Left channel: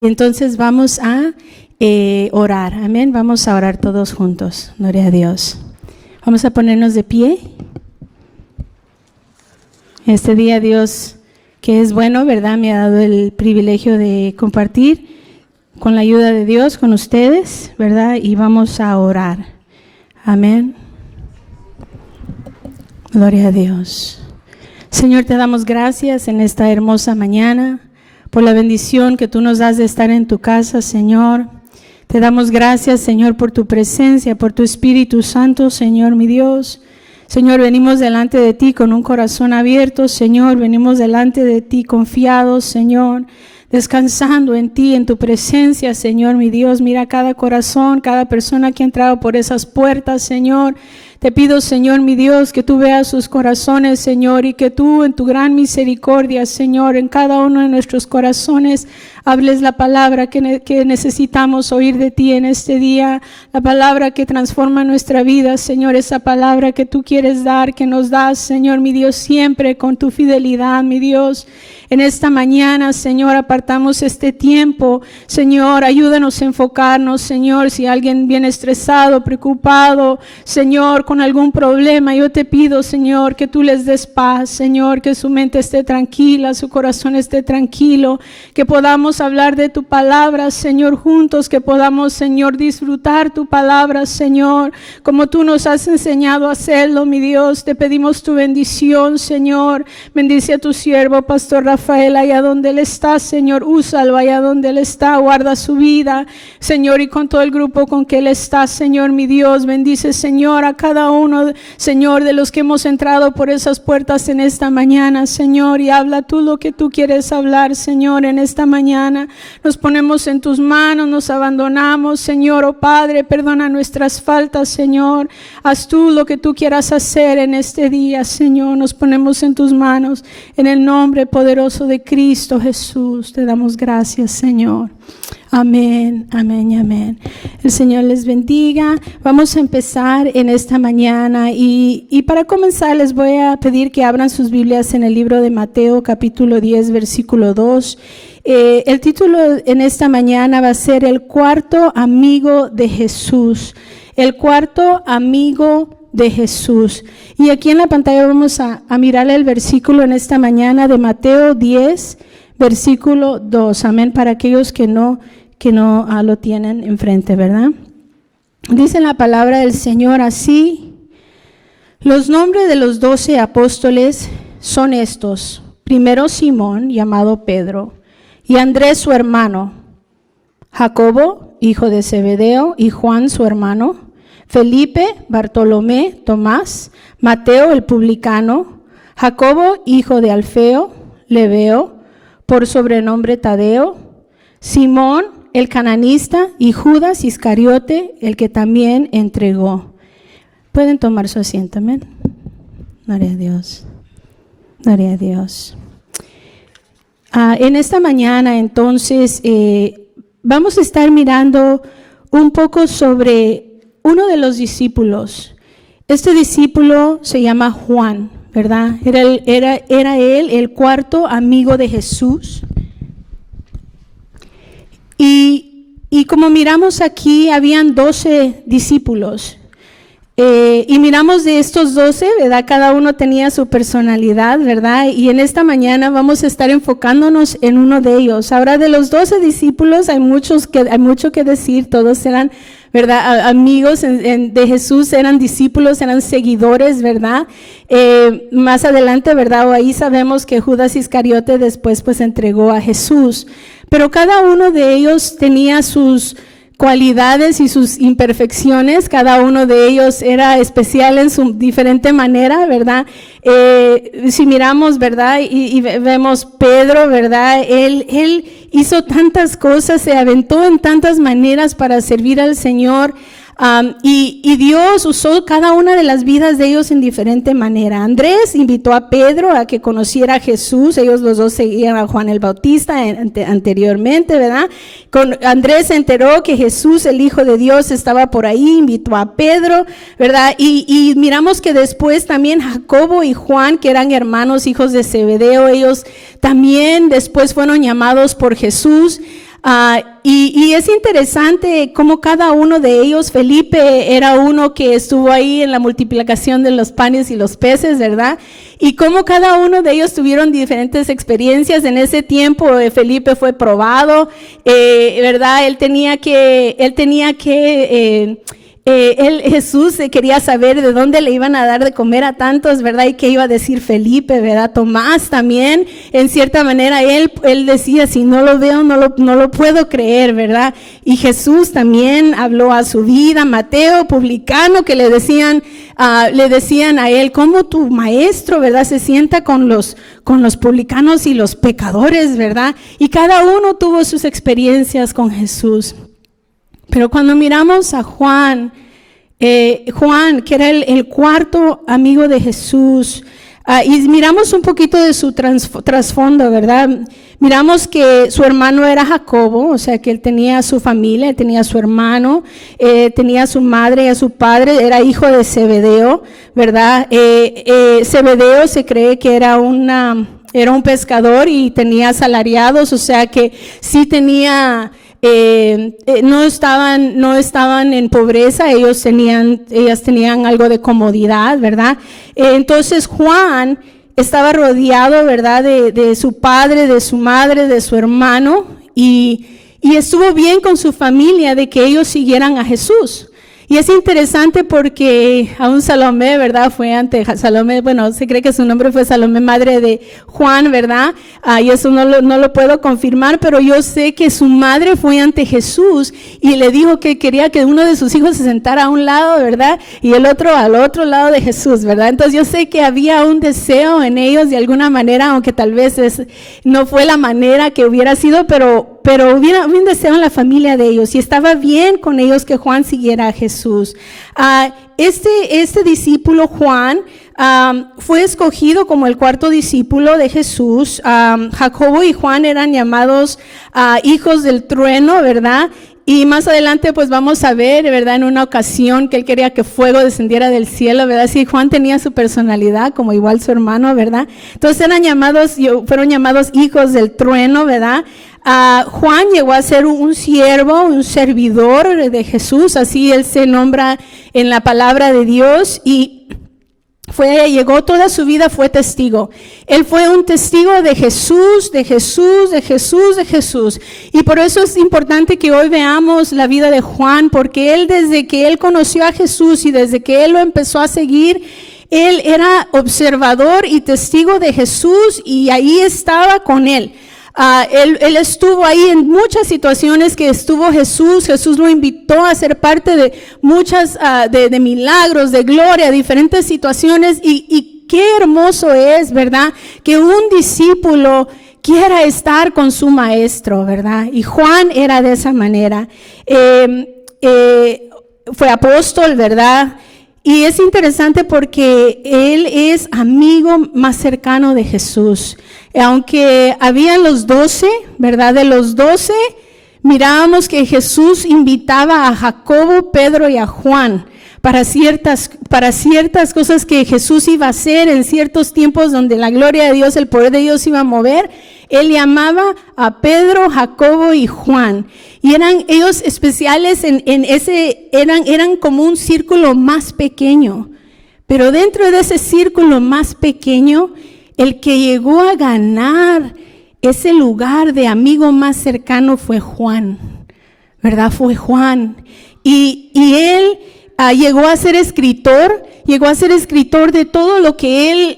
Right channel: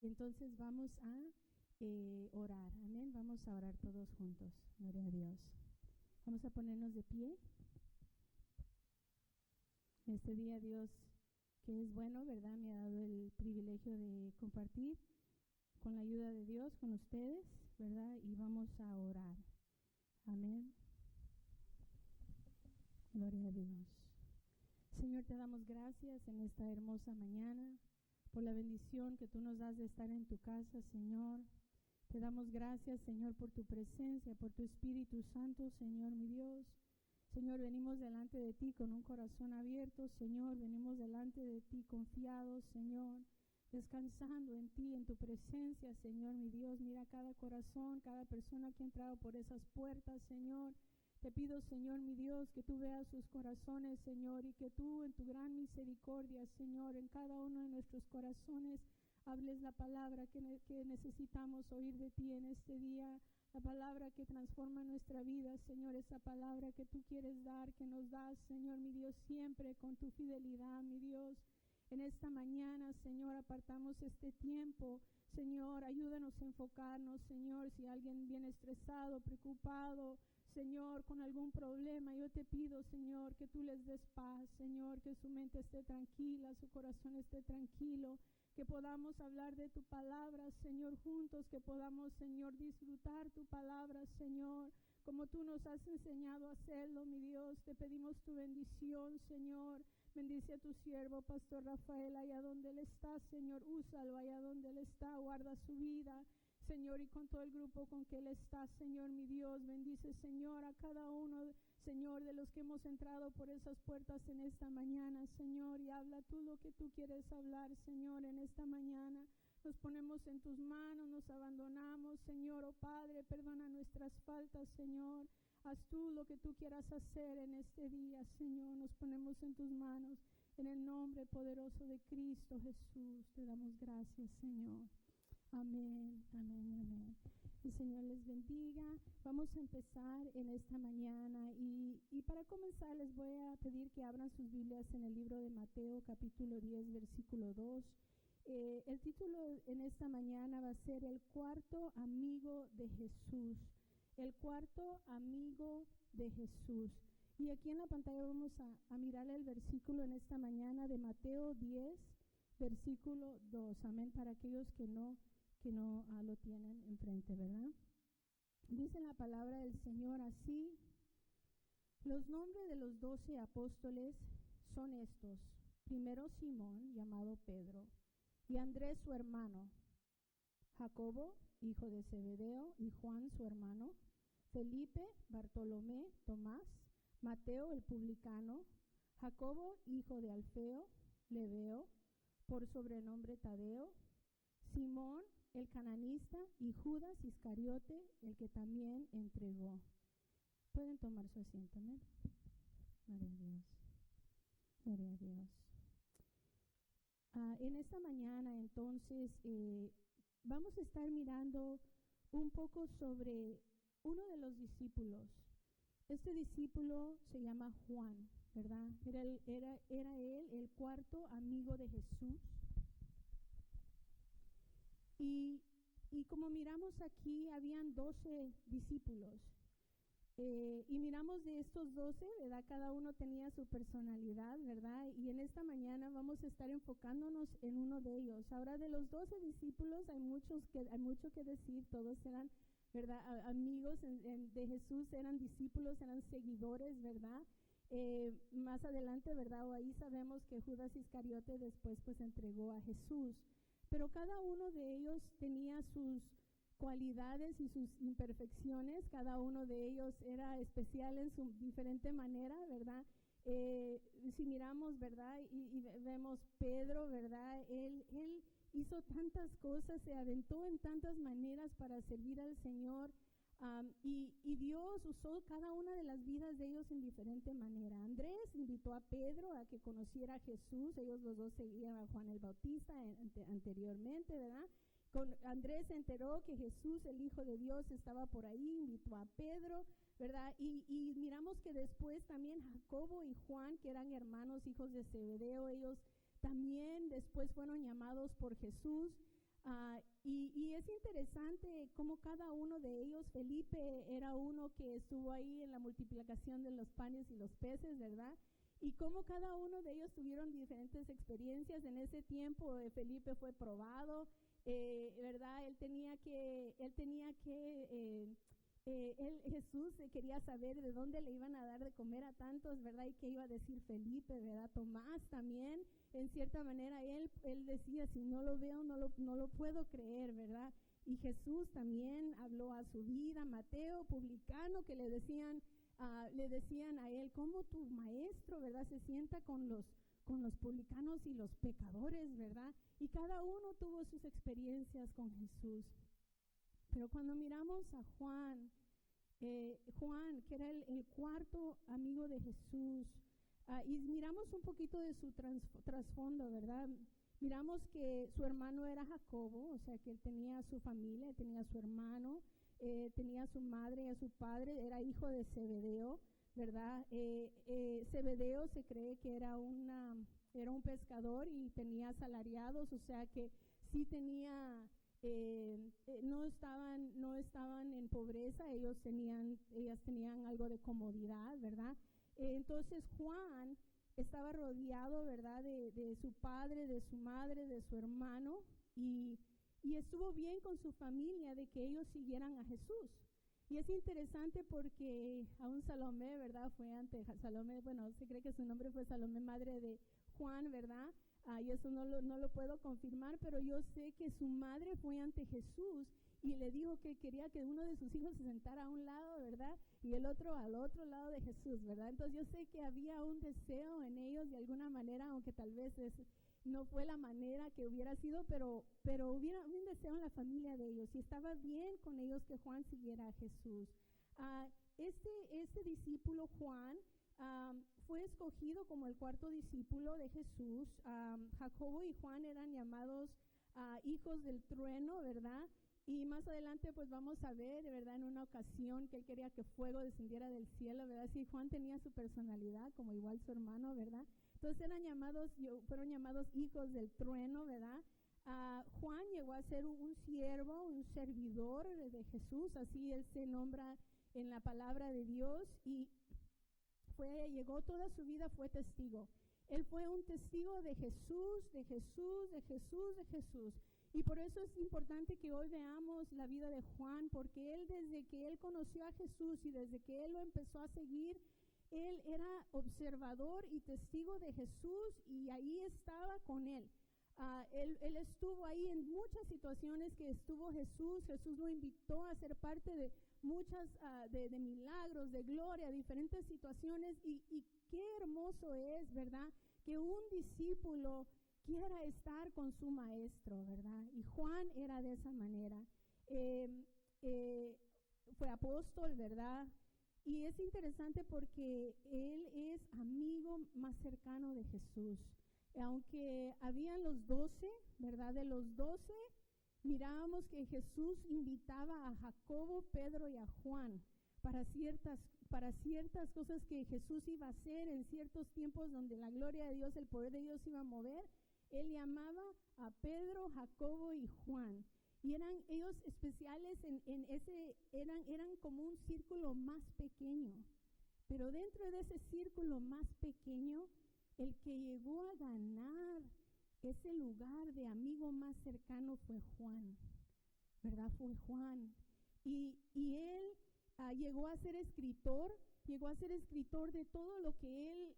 Entonces vamos a orar, amén. Vamos a orar todos juntos, gloria a Dios. Vamos a ponernos de pie. Este día Dios, que es bueno, ¿verdad? Me ha dado el privilegio de compartir con la ayuda de Dios con ustedes, ¿verdad? Y vamos a orar, amén. Gloria a Dios. Señor, te damos gracias en esta hermosa mañana por la bendición que tú nos das de estar en tu casa, Señor. Te damos gracias, Señor, por tu presencia, por tu Espíritu Santo, Señor, mi Dios. Señor, venimos delante de ti con un corazón abierto, Señor. Venimos delante de ti confiados, Señor, descansando en ti, en tu presencia, Señor, mi Dios. Mira cada corazón, cada persona que ha entrado por esas puertas, Señor. Te pido, Señor, mi Dios, que tú veas sus corazones, Señor, y que tú en tu gran misericordia, Señor, en cada uno de nuestros corazones, hables la palabra que necesitamos oír de ti en este día, la palabra que transforma nuestra vida, Señor, esa palabra que tú quieres dar, que nos das, Señor, mi Dios, siempre con tu fidelidad, mi Dios. En esta mañana, Señor, apartamos este tiempo. Señor, ayúdanos a enfocarnos, Señor, si alguien viene estresado, preocupado, Señor, con algún problema, yo te pido, Señor, que tú les des paz, Señor, que su mente esté tranquila, su corazón esté tranquilo, que podamos hablar de tu palabra, Señor, juntos, que podamos, Señor, disfrutar tu palabra, Señor, como tú nos has enseñado a hacerlo, mi Dios. Te pedimos tu bendición, Señor. Bendice a tu siervo, Pastor Rafael, allá donde él está, Señor, úsalo allá donde él está, guarda su vida, Señor, y con todo el grupo con que él está, Señor, mi Dios. Bendice, Señor, a cada uno, Señor, de los que hemos entrado por esas puertas en esta mañana, Señor, y habla tú lo que tú quieres hablar, Señor, en esta mañana. Nos ponemos en tus manos, nos abandonamos, Señor, oh Padre, perdona nuestras faltas, Señor. Haz tú lo que tú quieras hacer en este día, Señor. Nos ponemos en tus manos, en el nombre poderoso de Cristo Jesús. Te damos gracias, Señor. Amén, amén y amén. El Señor les bendiga. Vamos a empezar en esta mañana y para comenzar les voy a pedir que abran sus Biblias en el libro de Mateo capítulo 10 versículo 2. El título en esta mañana va a ser El cuarto amigo de Jesús. El cuarto amigo de Jesús. Y aquí en la pantalla vamos a mirar el versículo en esta mañana de Mateo 10 versículo 2. Amén, para aquellos que no lo tienen enfrente, ¿verdad? Dice la palabra del Señor así: los nombres de los 12 apóstoles son estos: primero Simón, llamado Pedro, y Andrés su hermano, Jacobo, hijo de Zebedeo, y Juan su hermano, Felipe, Bartolomé, Tomás, Mateo el publicano, Jacobo, hijo de Alfeo, Lebeo, por sobrenombre Tadeo, Simón el cananista, y Judas Iscariote, el que también entregó. Pueden tomar su asiento, amén. Gloria a Dios. Gloria a Dios. En esta mañana, entonces, vamos a estar mirando un poco sobre uno de los discípulos. Este discípulo se llama Juan, ¿verdad? Era él el cuarto amigo de Jesús. Y como miramos aquí, habían 12 discípulos. Y miramos de estos 12, ¿verdad? Cada uno tenía su personalidad, ¿verdad? Y en esta mañana vamos a estar enfocándonos en uno de ellos. Ahora, de los 12 discípulos hay mucho que decir. Todos eran, ¿verdad?, amigos de Jesús, eran discípulos, eran seguidores, ¿verdad? Más adelante, ¿verdad?, o ahí sabemos que Judas Iscariote después pues entregó a Jesús. Pero cada uno de ellos tenía sus cualidades y sus imperfecciones. Cada uno de ellos era especial en su diferente manera, ¿verdad? Si miramos, ¿verdad? Y vemos Pedro, ¿verdad? Él hizo tantas cosas, se aventó en tantas maneras para servir al Señor. Y Dios usó cada una de las vidas de ellos en diferente manera. Andrés invitó a Pedro a que conociera a Jesús. Ellos los dos seguían a Juan el Bautista anteriormente, ¿verdad? Andrés se enteró que Jesús, el Hijo de Dios, estaba por ahí, invitó a Pedro, ¿verdad? Y miramos que después también Jacobo y Juan, que eran hermanos, hijos de Zebedeo, ellos también después fueron llamados por Jesús. Y es interesante cómo cada uno de ellos, Felipe era uno que estuvo ahí en la multiplicación de los panes y los peces, ¿verdad? Y cómo cada uno de ellos tuvieron diferentes experiencias. En ese tiempo Felipe fue probado, ¿verdad? Jesús quería saber de dónde le iban a dar de comer a tantos, ¿verdad? Y qué iba a decir Felipe, ¿verdad? Tomás también, en cierta manera, él decía, si no lo veo, no lo puedo creer, ¿verdad? Y Jesús también habló a su vida. Mateo, publicano, que le decían a él, ¿cómo tu maestro, ¿verdad? Se sienta con los publicanos y los pecadores, ¿verdad? Y cada uno tuvo sus experiencias con Jesús. Pero cuando miramos a Juan, que era el cuarto amigo de Jesús, y miramos un poquito de su trasfondo, ¿verdad? Miramos que su hermano era Jacobo, o sea que él tenía su familia, él tenía a su hermano, tenía a su madre y a su padre, era hijo de Zebedeo, ¿verdad? Zebedeo se cree que era un pescador y tenía asalariados, o sea que sí tenía... no estaban en pobreza, ellas tenían algo de comodidad, ¿verdad? Entonces Juan estaba rodeado, ¿verdad? De su padre, de su madre, de su hermano, y estuvo bien con su familia de que ellos siguieran a Jesús. Y es interesante porque aún Salomé, ¿verdad? Fue ante Salomé, bueno, se cree que su nombre fue Salomé, madre de Juan, ¿verdad? Y eso no lo puedo confirmar, pero yo sé que su madre fue ante Jesús y le dijo que quería que uno de sus hijos se sentara a un lado, ¿verdad? Y el otro al otro lado de Jesús, ¿verdad? Entonces yo sé que había un deseo en ellos de alguna manera, aunque tal vez no fue la manera que hubiera sido, pero hubiera un deseo en la familia de ellos y estaba bien con ellos que Juan siguiera a Jesús. Este discípulo Juan fue escogido como el cuarto discípulo de Jesús. Jacobo y Juan eran llamados hijos del trueno, ¿verdad? Y más adelante pues vamos a ver, ¿verdad? En una ocasión que él quería que fuego descendiera del cielo, ¿verdad? Sí, Juan tenía su personalidad como igual su hermano, ¿verdad? Entonces fueron llamados hijos del trueno, ¿verdad? Juan llegó a ser un siervo, un servidor de Jesús, así él se nombra en la palabra de Dios, y llegó toda su vida, fue testigo. Él fue un testigo de Jesús, de Jesús, de Jesús, de Jesús. Y por eso es importante que hoy veamos la vida de Juan, porque él desde que él conoció a Jesús y desde que él lo empezó a seguir, él era observador y testigo de Jesús y ahí estaba con él. Él estuvo ahí en muchas situaciones que estuvo Jesús lo invitó a ser parte de muchas de milagros, de gloria, diferentes situaciones y qué hermoso es, ¿verdad? Que un discípulo quiera estar con su maestro, ¿verdad? Y Juan era de esa manera. Fue apóstol, ¿verdad? Y es interesante porque él es amigo más cercano de Jesús. Aunque habían los 12, ¿verdad? De los 12, mirábamos que Jesús invitaba a Jacobo, Pedro y a Juan para ciertas cosas que Jesús iba a hacer en ciertos tiempos donde la gloria de Dios, el poder de Dios iba a mover. Él llamaba a Pedro, Jacobo y Juan. Y eran ellos especiales eran como un círculo más pequeño. Pero dentro de ese círculo más pequeño, el que llegó a ganar ese lugar de amigo más cercano fue Juan, ¿verdad? Fue Juan. Y él llegó a ser escritor de todo lo que él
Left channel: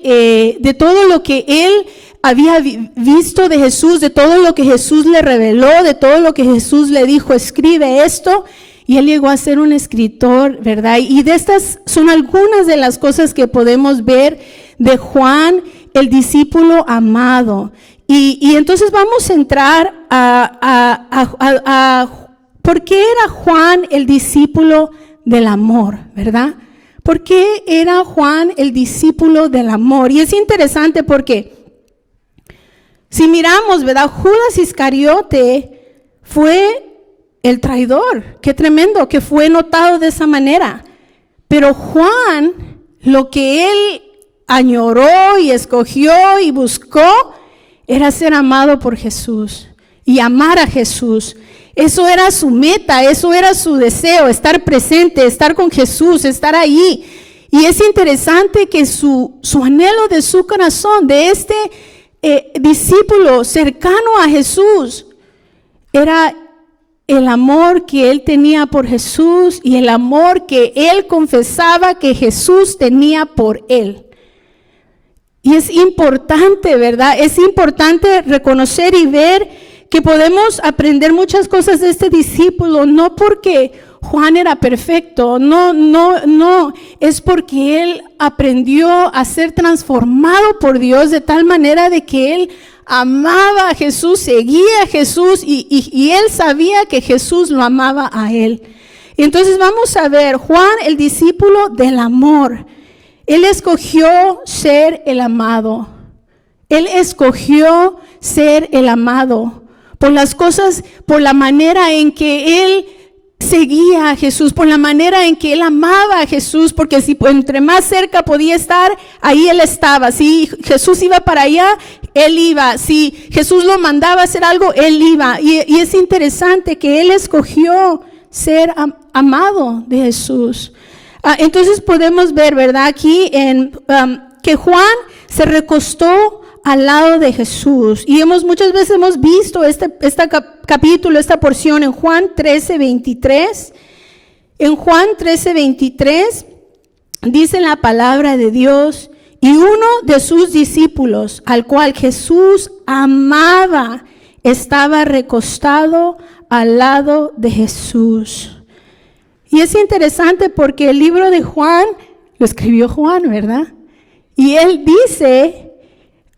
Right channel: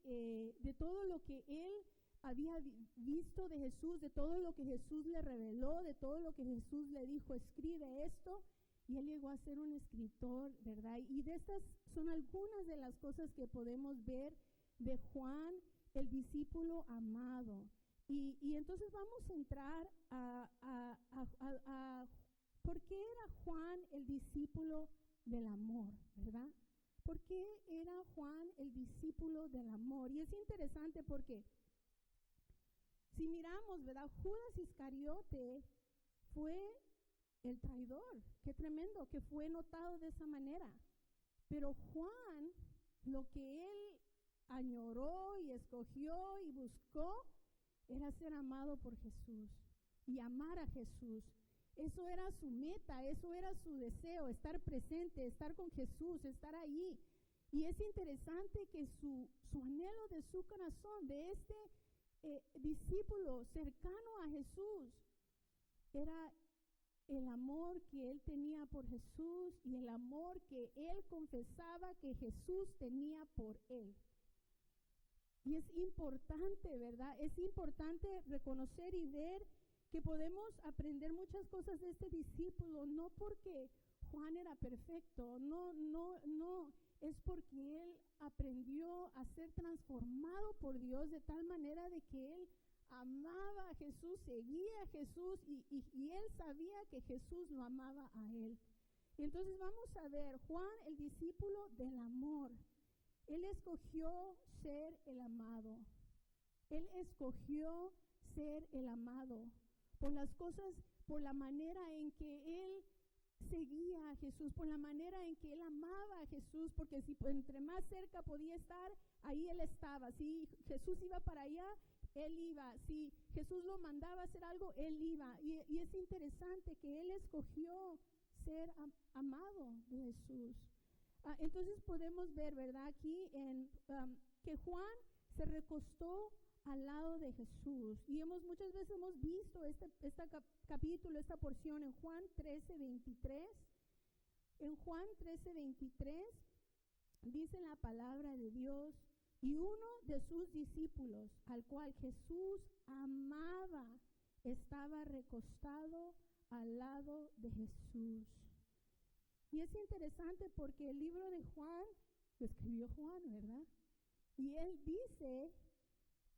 había visto de Jesús, de todo lo que Jesús le reveló, de todo lo que Jesús le dijo, escribe esto. Y él llegó a ser un escritor, ¿verdad? Y de estas son algunas de las cosas que podemos ver de Juan, el discípulo amado. Y entonces vamos a entrar a ¿por qué era Juan el discípulo del amor, verdad? ¿Por qué era Juan el discípulo del amor? Y es interesante porque si miramos, ¿verdad? Judas Iscariote fue el traidor. Qué tremendo que fue notado de esa manera. Pero Juan, lo que él añoró y escogió y buscó era ser amado por Jesús. y amar a Jesús. Eso era su meta, eso era su deseo, estar presente, estar con Jesús, estar ahí. Y es interesante que su anhelo de su corazón, de este discípulo cercano a Jesús, era el amor que él tenía por Jesús y el amor que él confesaba que Jesús tenía por él. Y es importante, ¿verdad? Es importante reconocer y ver que podemos aprender muchas cosas de este discípulo, no porque Juan era perfecto, no, es porque él aprendió a ser transformado por Dios de tal manera de que él amaba a Jesús, seguía a Jesús y él sabía que Jesús lo amaba a él. Y entonces vamos a ver, Juan, el discípulo del amor. Él escogió ser el amado. Él escogió ser el amado por las cosas, por la manera en que él seguía a Jesús, por la manera en que él amaba a Jesús, porque si entre más cerca podía estar, ahí él estaba. Si Jesús iba para allá, él iba. Si Jesús lo mandaba a hacer algo, él iba. Y es interesante que él escogió ser amado de Jesús. Entonces podemos ver, ¿verdad? Aquí que Juan se recostó al lado de Jesús. Y muchas veces hemos visto este capítulo, esta porción en Juan 13:23. En Juan 13:23 dice la palabra de Dios: y uno de sus discípulos, al cual Jesús amaba, estaba recostado al lado de Jesús. Y es interesante porque el libro de Juan lo escribió Juan, ¿verdad? Y él dice:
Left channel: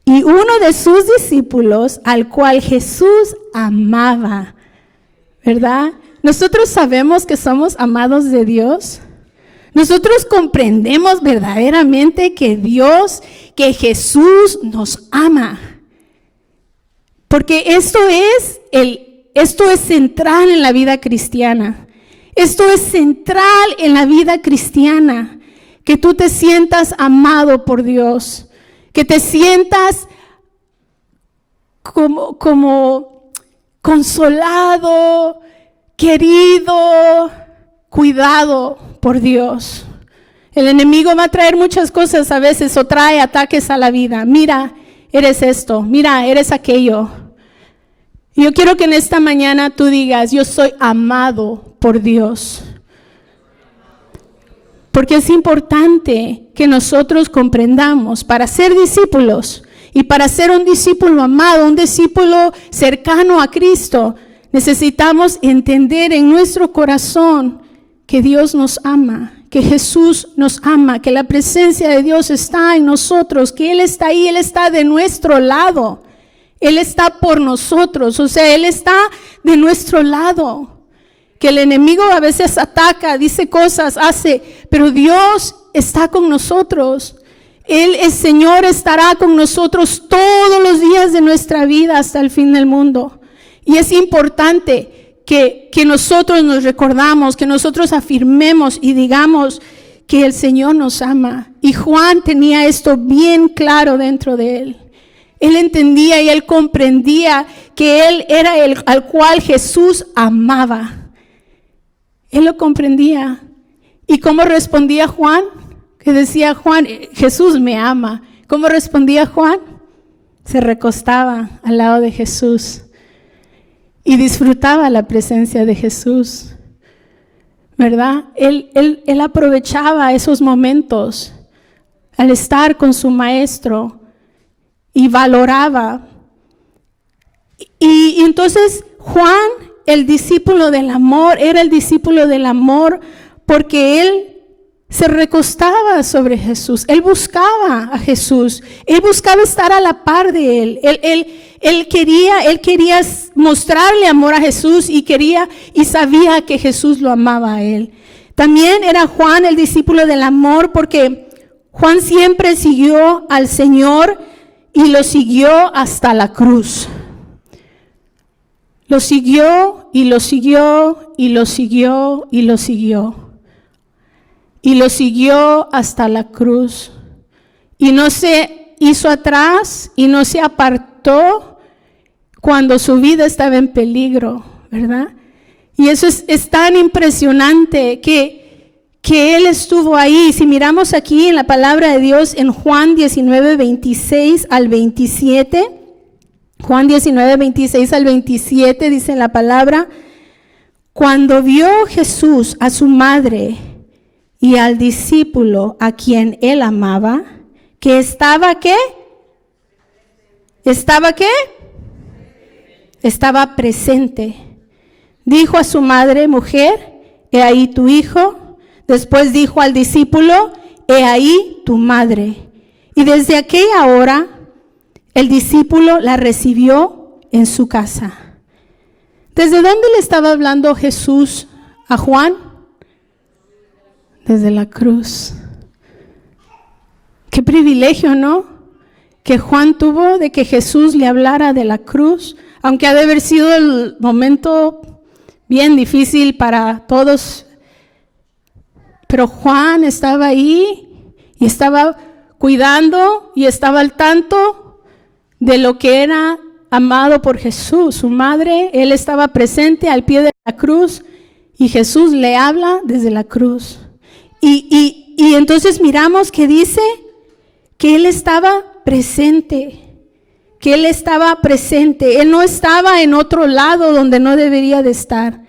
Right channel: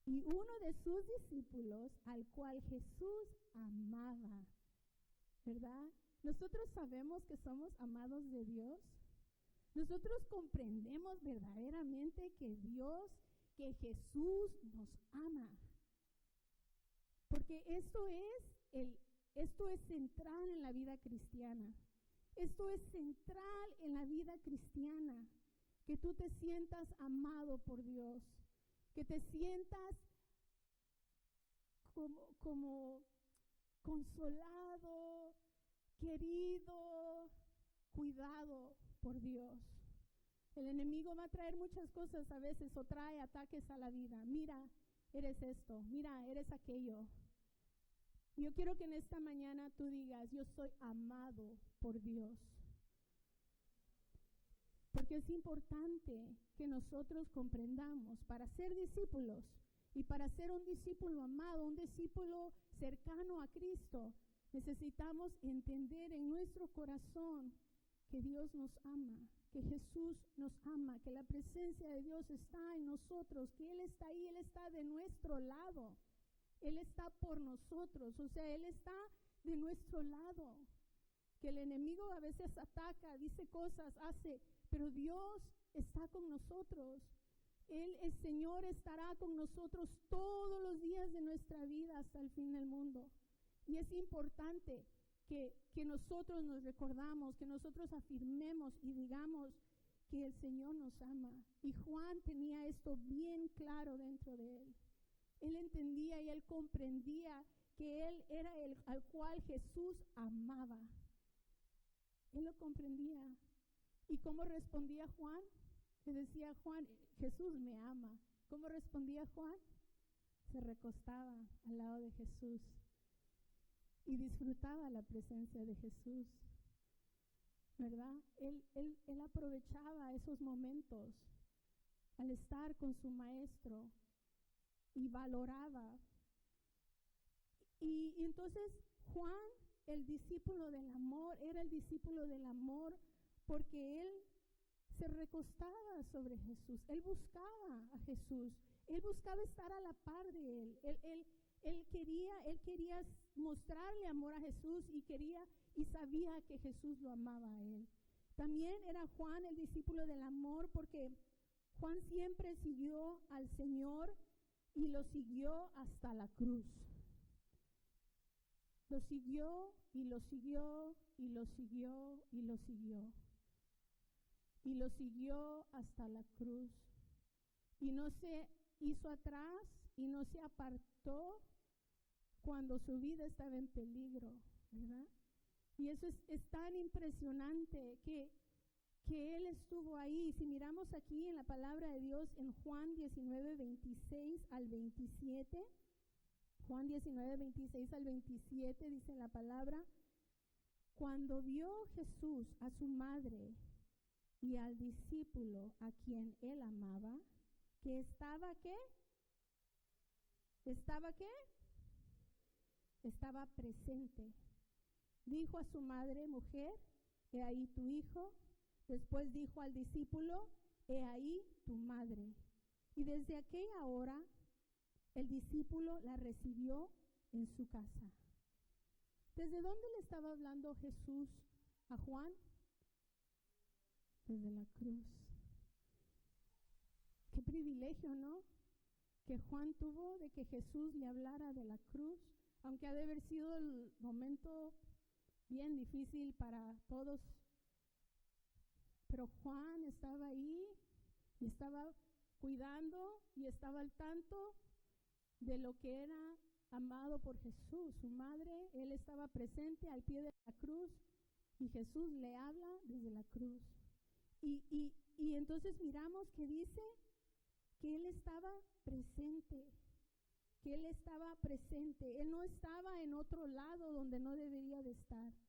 y uno de sus discípulos, al cual Jesús amaba, ¿verdad? Nosotros sabemos que somos amados de Dios. Nosotros comprendemos verdaderamente que Jesús nos ama. Porque esto es central en la vida cristiana. Esto es central en la vida cristiana, que tú te sientas amado por Dios, que te sientas como consolado, querido, cuidado por Dios. El enemigo va a traer muchas cosas a veces, o trae ataques a la vida. Mira, eres esto, mira, eres aquello. Yo quiero que en esta mañana tú digas: yo soy amado por Dios. Porque es importante que nosotros comprendamos, para ser discípulos y para ser un discípulo amado, un discípulo cercano a Cristo, necesitamos entender en nuestro corazón que Dios nos ama, que Jesús nos ama, que la presencia de Dios está en nosotros, que Él está ahí, Él está de nuestro lado. Él está por nosotros, o sea, Él está de nuestro lado. Que el enemigo a veces ataca, dice cosas, hace, pero Dios está con nosotros. Él, el Señor, estará con nosotros todos los días de nuestra vida hasta el fin del mundo. Y es importante que nosotros nos recordamos, que nosotros afirmemos y digamos que el Señor nos ama. Y Juan tenía esto bien claro dentro de él. Él entendía y él comprendía que él era el al cual Jesús amaba. Él lo comprendía. ¿Y cómo respondía Juan? Que decía Juan: Jesús me ama. ¿Cómo respondía Juan? Se recostaba al lado de Jesús y disfrutaba la presencia de Jesús, ¿verdad? Él aprovechaba esos momentos al estar con su maestro y valoraba. Y entonces Juan, el discípulo del amor, era el discípulo del amor porque él se recostaba sobre Jesús. Él buscaba a Jesús. Él buscaba estar a la par de él. Él quería mostrarle amor a Jesús y sabía que Jesús lo amaba a él. También era Juan el discípulo del amor porque Juan siempre siguió al Señor y lo siguió hasta la cruz. Lo siguió y lo siguió y lo siguió y lo siguió. Y lo siguió hasta la cruz. Y no se hizo atrás y no se apartó cuando su vida estaba en peligro, ¿verdad? Y eso es tan impresionante que Él estuvo ahí. Si miramos aquí en la palabra de Dios en Juan 19, 26 al 27, Juan 19, 26 al 27 dice la palabra: cuando vio Jesús a su madre y al discípulo a quien Él amaba, que estaba ¿qué? ¿Estaba qué? Estaba presente. Dijo a su madre: mujer, he ahí tu hijo. Después dijo al discípulo: he ahí tu madre. Y desde aquella hora el discípulo la recibió en su casa. ¿Desde dónde le estaba hablando Jesús a Juan? Desde la cruz. Qué privilegio, ¿no? Que Juan tuvo de que Jesús le hablara de la cruz, aunque ha de haber sido el momento bien difícil para todos. Pero Juan estaba ahí y estaba cuidando y estaba al tanto de lo que era amado por Jesús. Su madre, él estaba presente al pie de la cruz y Jesús le habla desde la cruz. Y entonces miramos que dice que él estaba presente, que él estaba presente. Él no estaba en otro lado donde no debería de estar.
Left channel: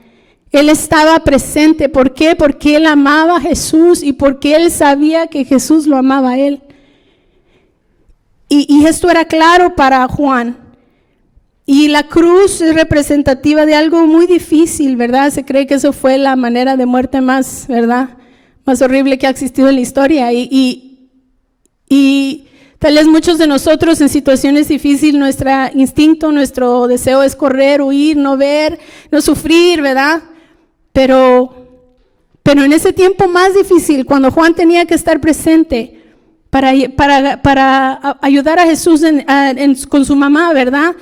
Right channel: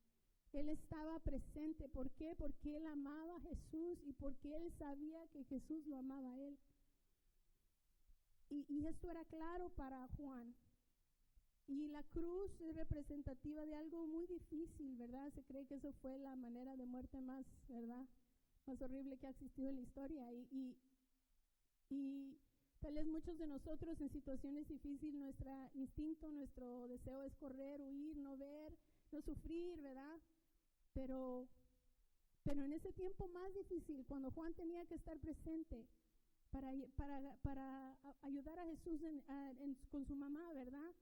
Él estaba presente. ¿Por qué? Porque él amaba a Jesús y porque él sabía que Jesús lo amaba a él. Y esto era claro para Juan. Y la cruz es representativa de algo muy difícil, ¿verdad? Se cree que eso fue la manera de muerte más, ¿verdad?, más horrible que ha existido en la historia. Y tal vez muchos de nosotros en situaciones difíciles, nuestro instinto, nuestro deseo es correr, huir, no ver, no sufrir, ¿verdad? Pero en ese tiempo más difícil, cuando Juan tenía que estar presente para ayudar a Jesús con su mamá, ¿verdad?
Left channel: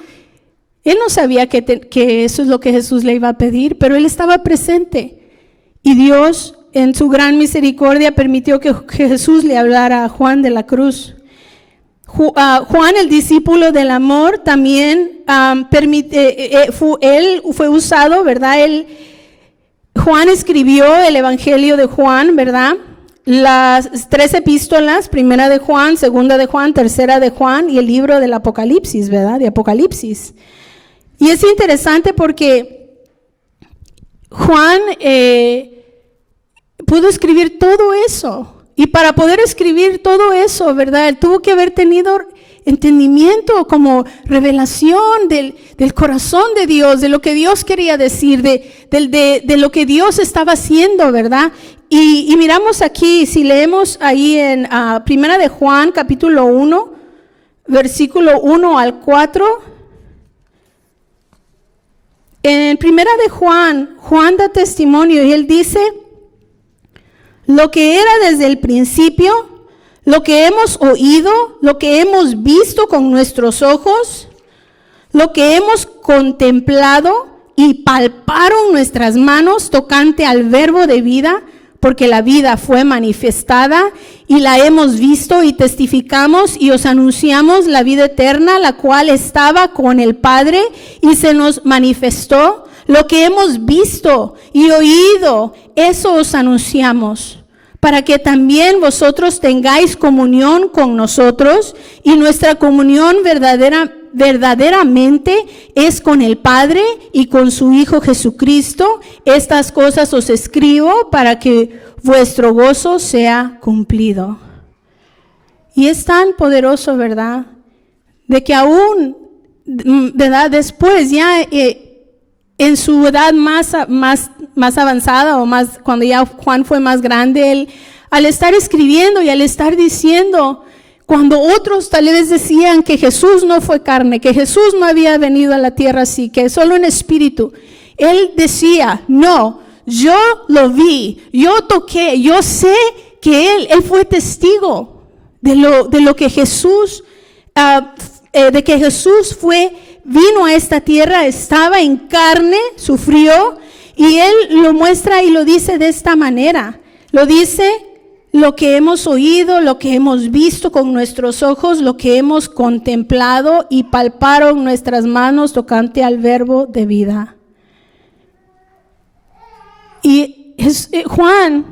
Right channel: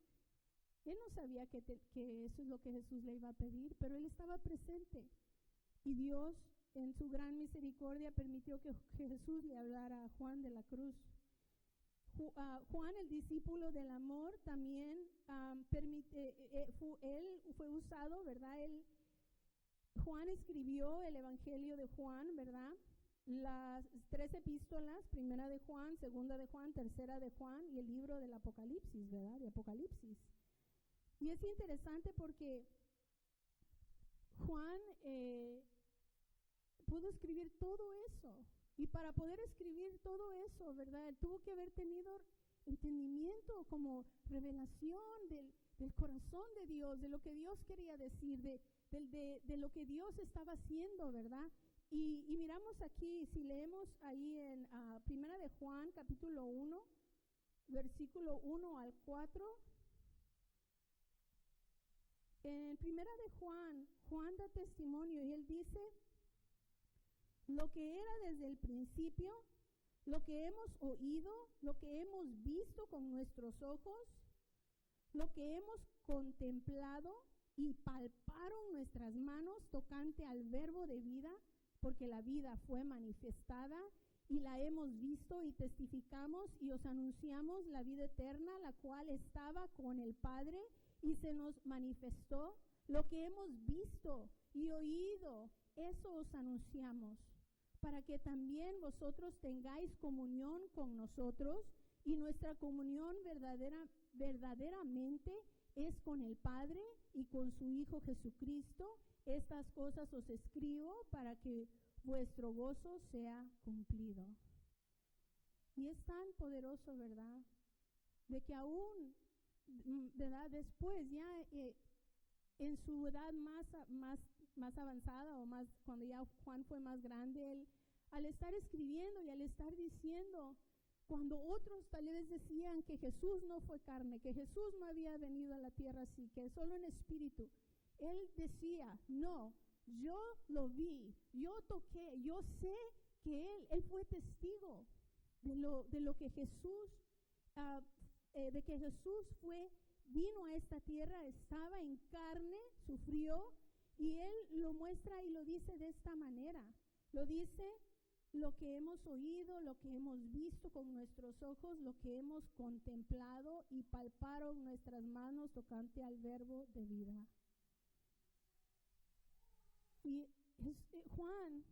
Él no sabía que eso es lo que Jesús le iba a pedir, pero él estaba presente. Y Dios, en su gran misericordia, permitió que Jesús le hablara a Juan de la cruz. Juan, el discípulo del amor, también él fue usado, ¿verdad? Juan escribió el Evangelio de Juan, ¿verdad? Las 3 epístolas, primera de Juan, segunda de Juan, tercera de Juan y el libro del Apocalipsis, ¿verdad? De Apocalipsis. Y es interesante porque Juan pudo escribir todo eso. Y para poder escribir todo eso, ¿verdad?, él tuvo que haber tenido entendimiento, como revelación del corazón de Dios, de lo que Dios quería decir, de lo que Dios estaba haciendo, ¿verdad? Y miramos aquí, si leemos ahí en Primera de Juan, capítulo 1, versículo 1 al 4. En Primera de Juan, Juan da testimonio y él dice: lo que era desde el principio, lo que hemos oído, lo que hemos visto con nuestros ojos, lo que hemos contemplado y palparon nuestras manos tocante al verbo de vida, porque la vida fue manifestada y la hemos visto y testificamos y os anunciamos la vida eterna, la cual estaba con el Padre y se nos manifestó. Lo que hemos visto y oído, eso os anunciamos, para que también vosotros tengáis comunión con nosotros, y nuestra comunión verdaderamente es con el Padre y con su Hijo Jesucristo. Estas cosas os escribo para que vuestro gozo sea cumplido. Y es tan poderoso, ¿verdad?, de que aún, ¿verdad?, después ya en su edad más avanzada, o más cuando ya Juan fue más grande, él, al estar escribiendo y al estar diciendo, cuando otros tal vez decían que Jesús no fue carne, que Jesús no había venido a la tierra así, que solo en espíritu, él decía: no, yo lo vi, yo toqué, yo sé que él fue testigo de lo que Jesús, de que Jesús vino a esta tierra, estaba en carne, sufrió, y él lo muestra y lo dice de esta manera. Lo dice lo que hemos oído, lo que hemos visto con nuestros ojos, lo que hemos contemplado y palparon nuestras manos tocante al verbo de vida. Y Juan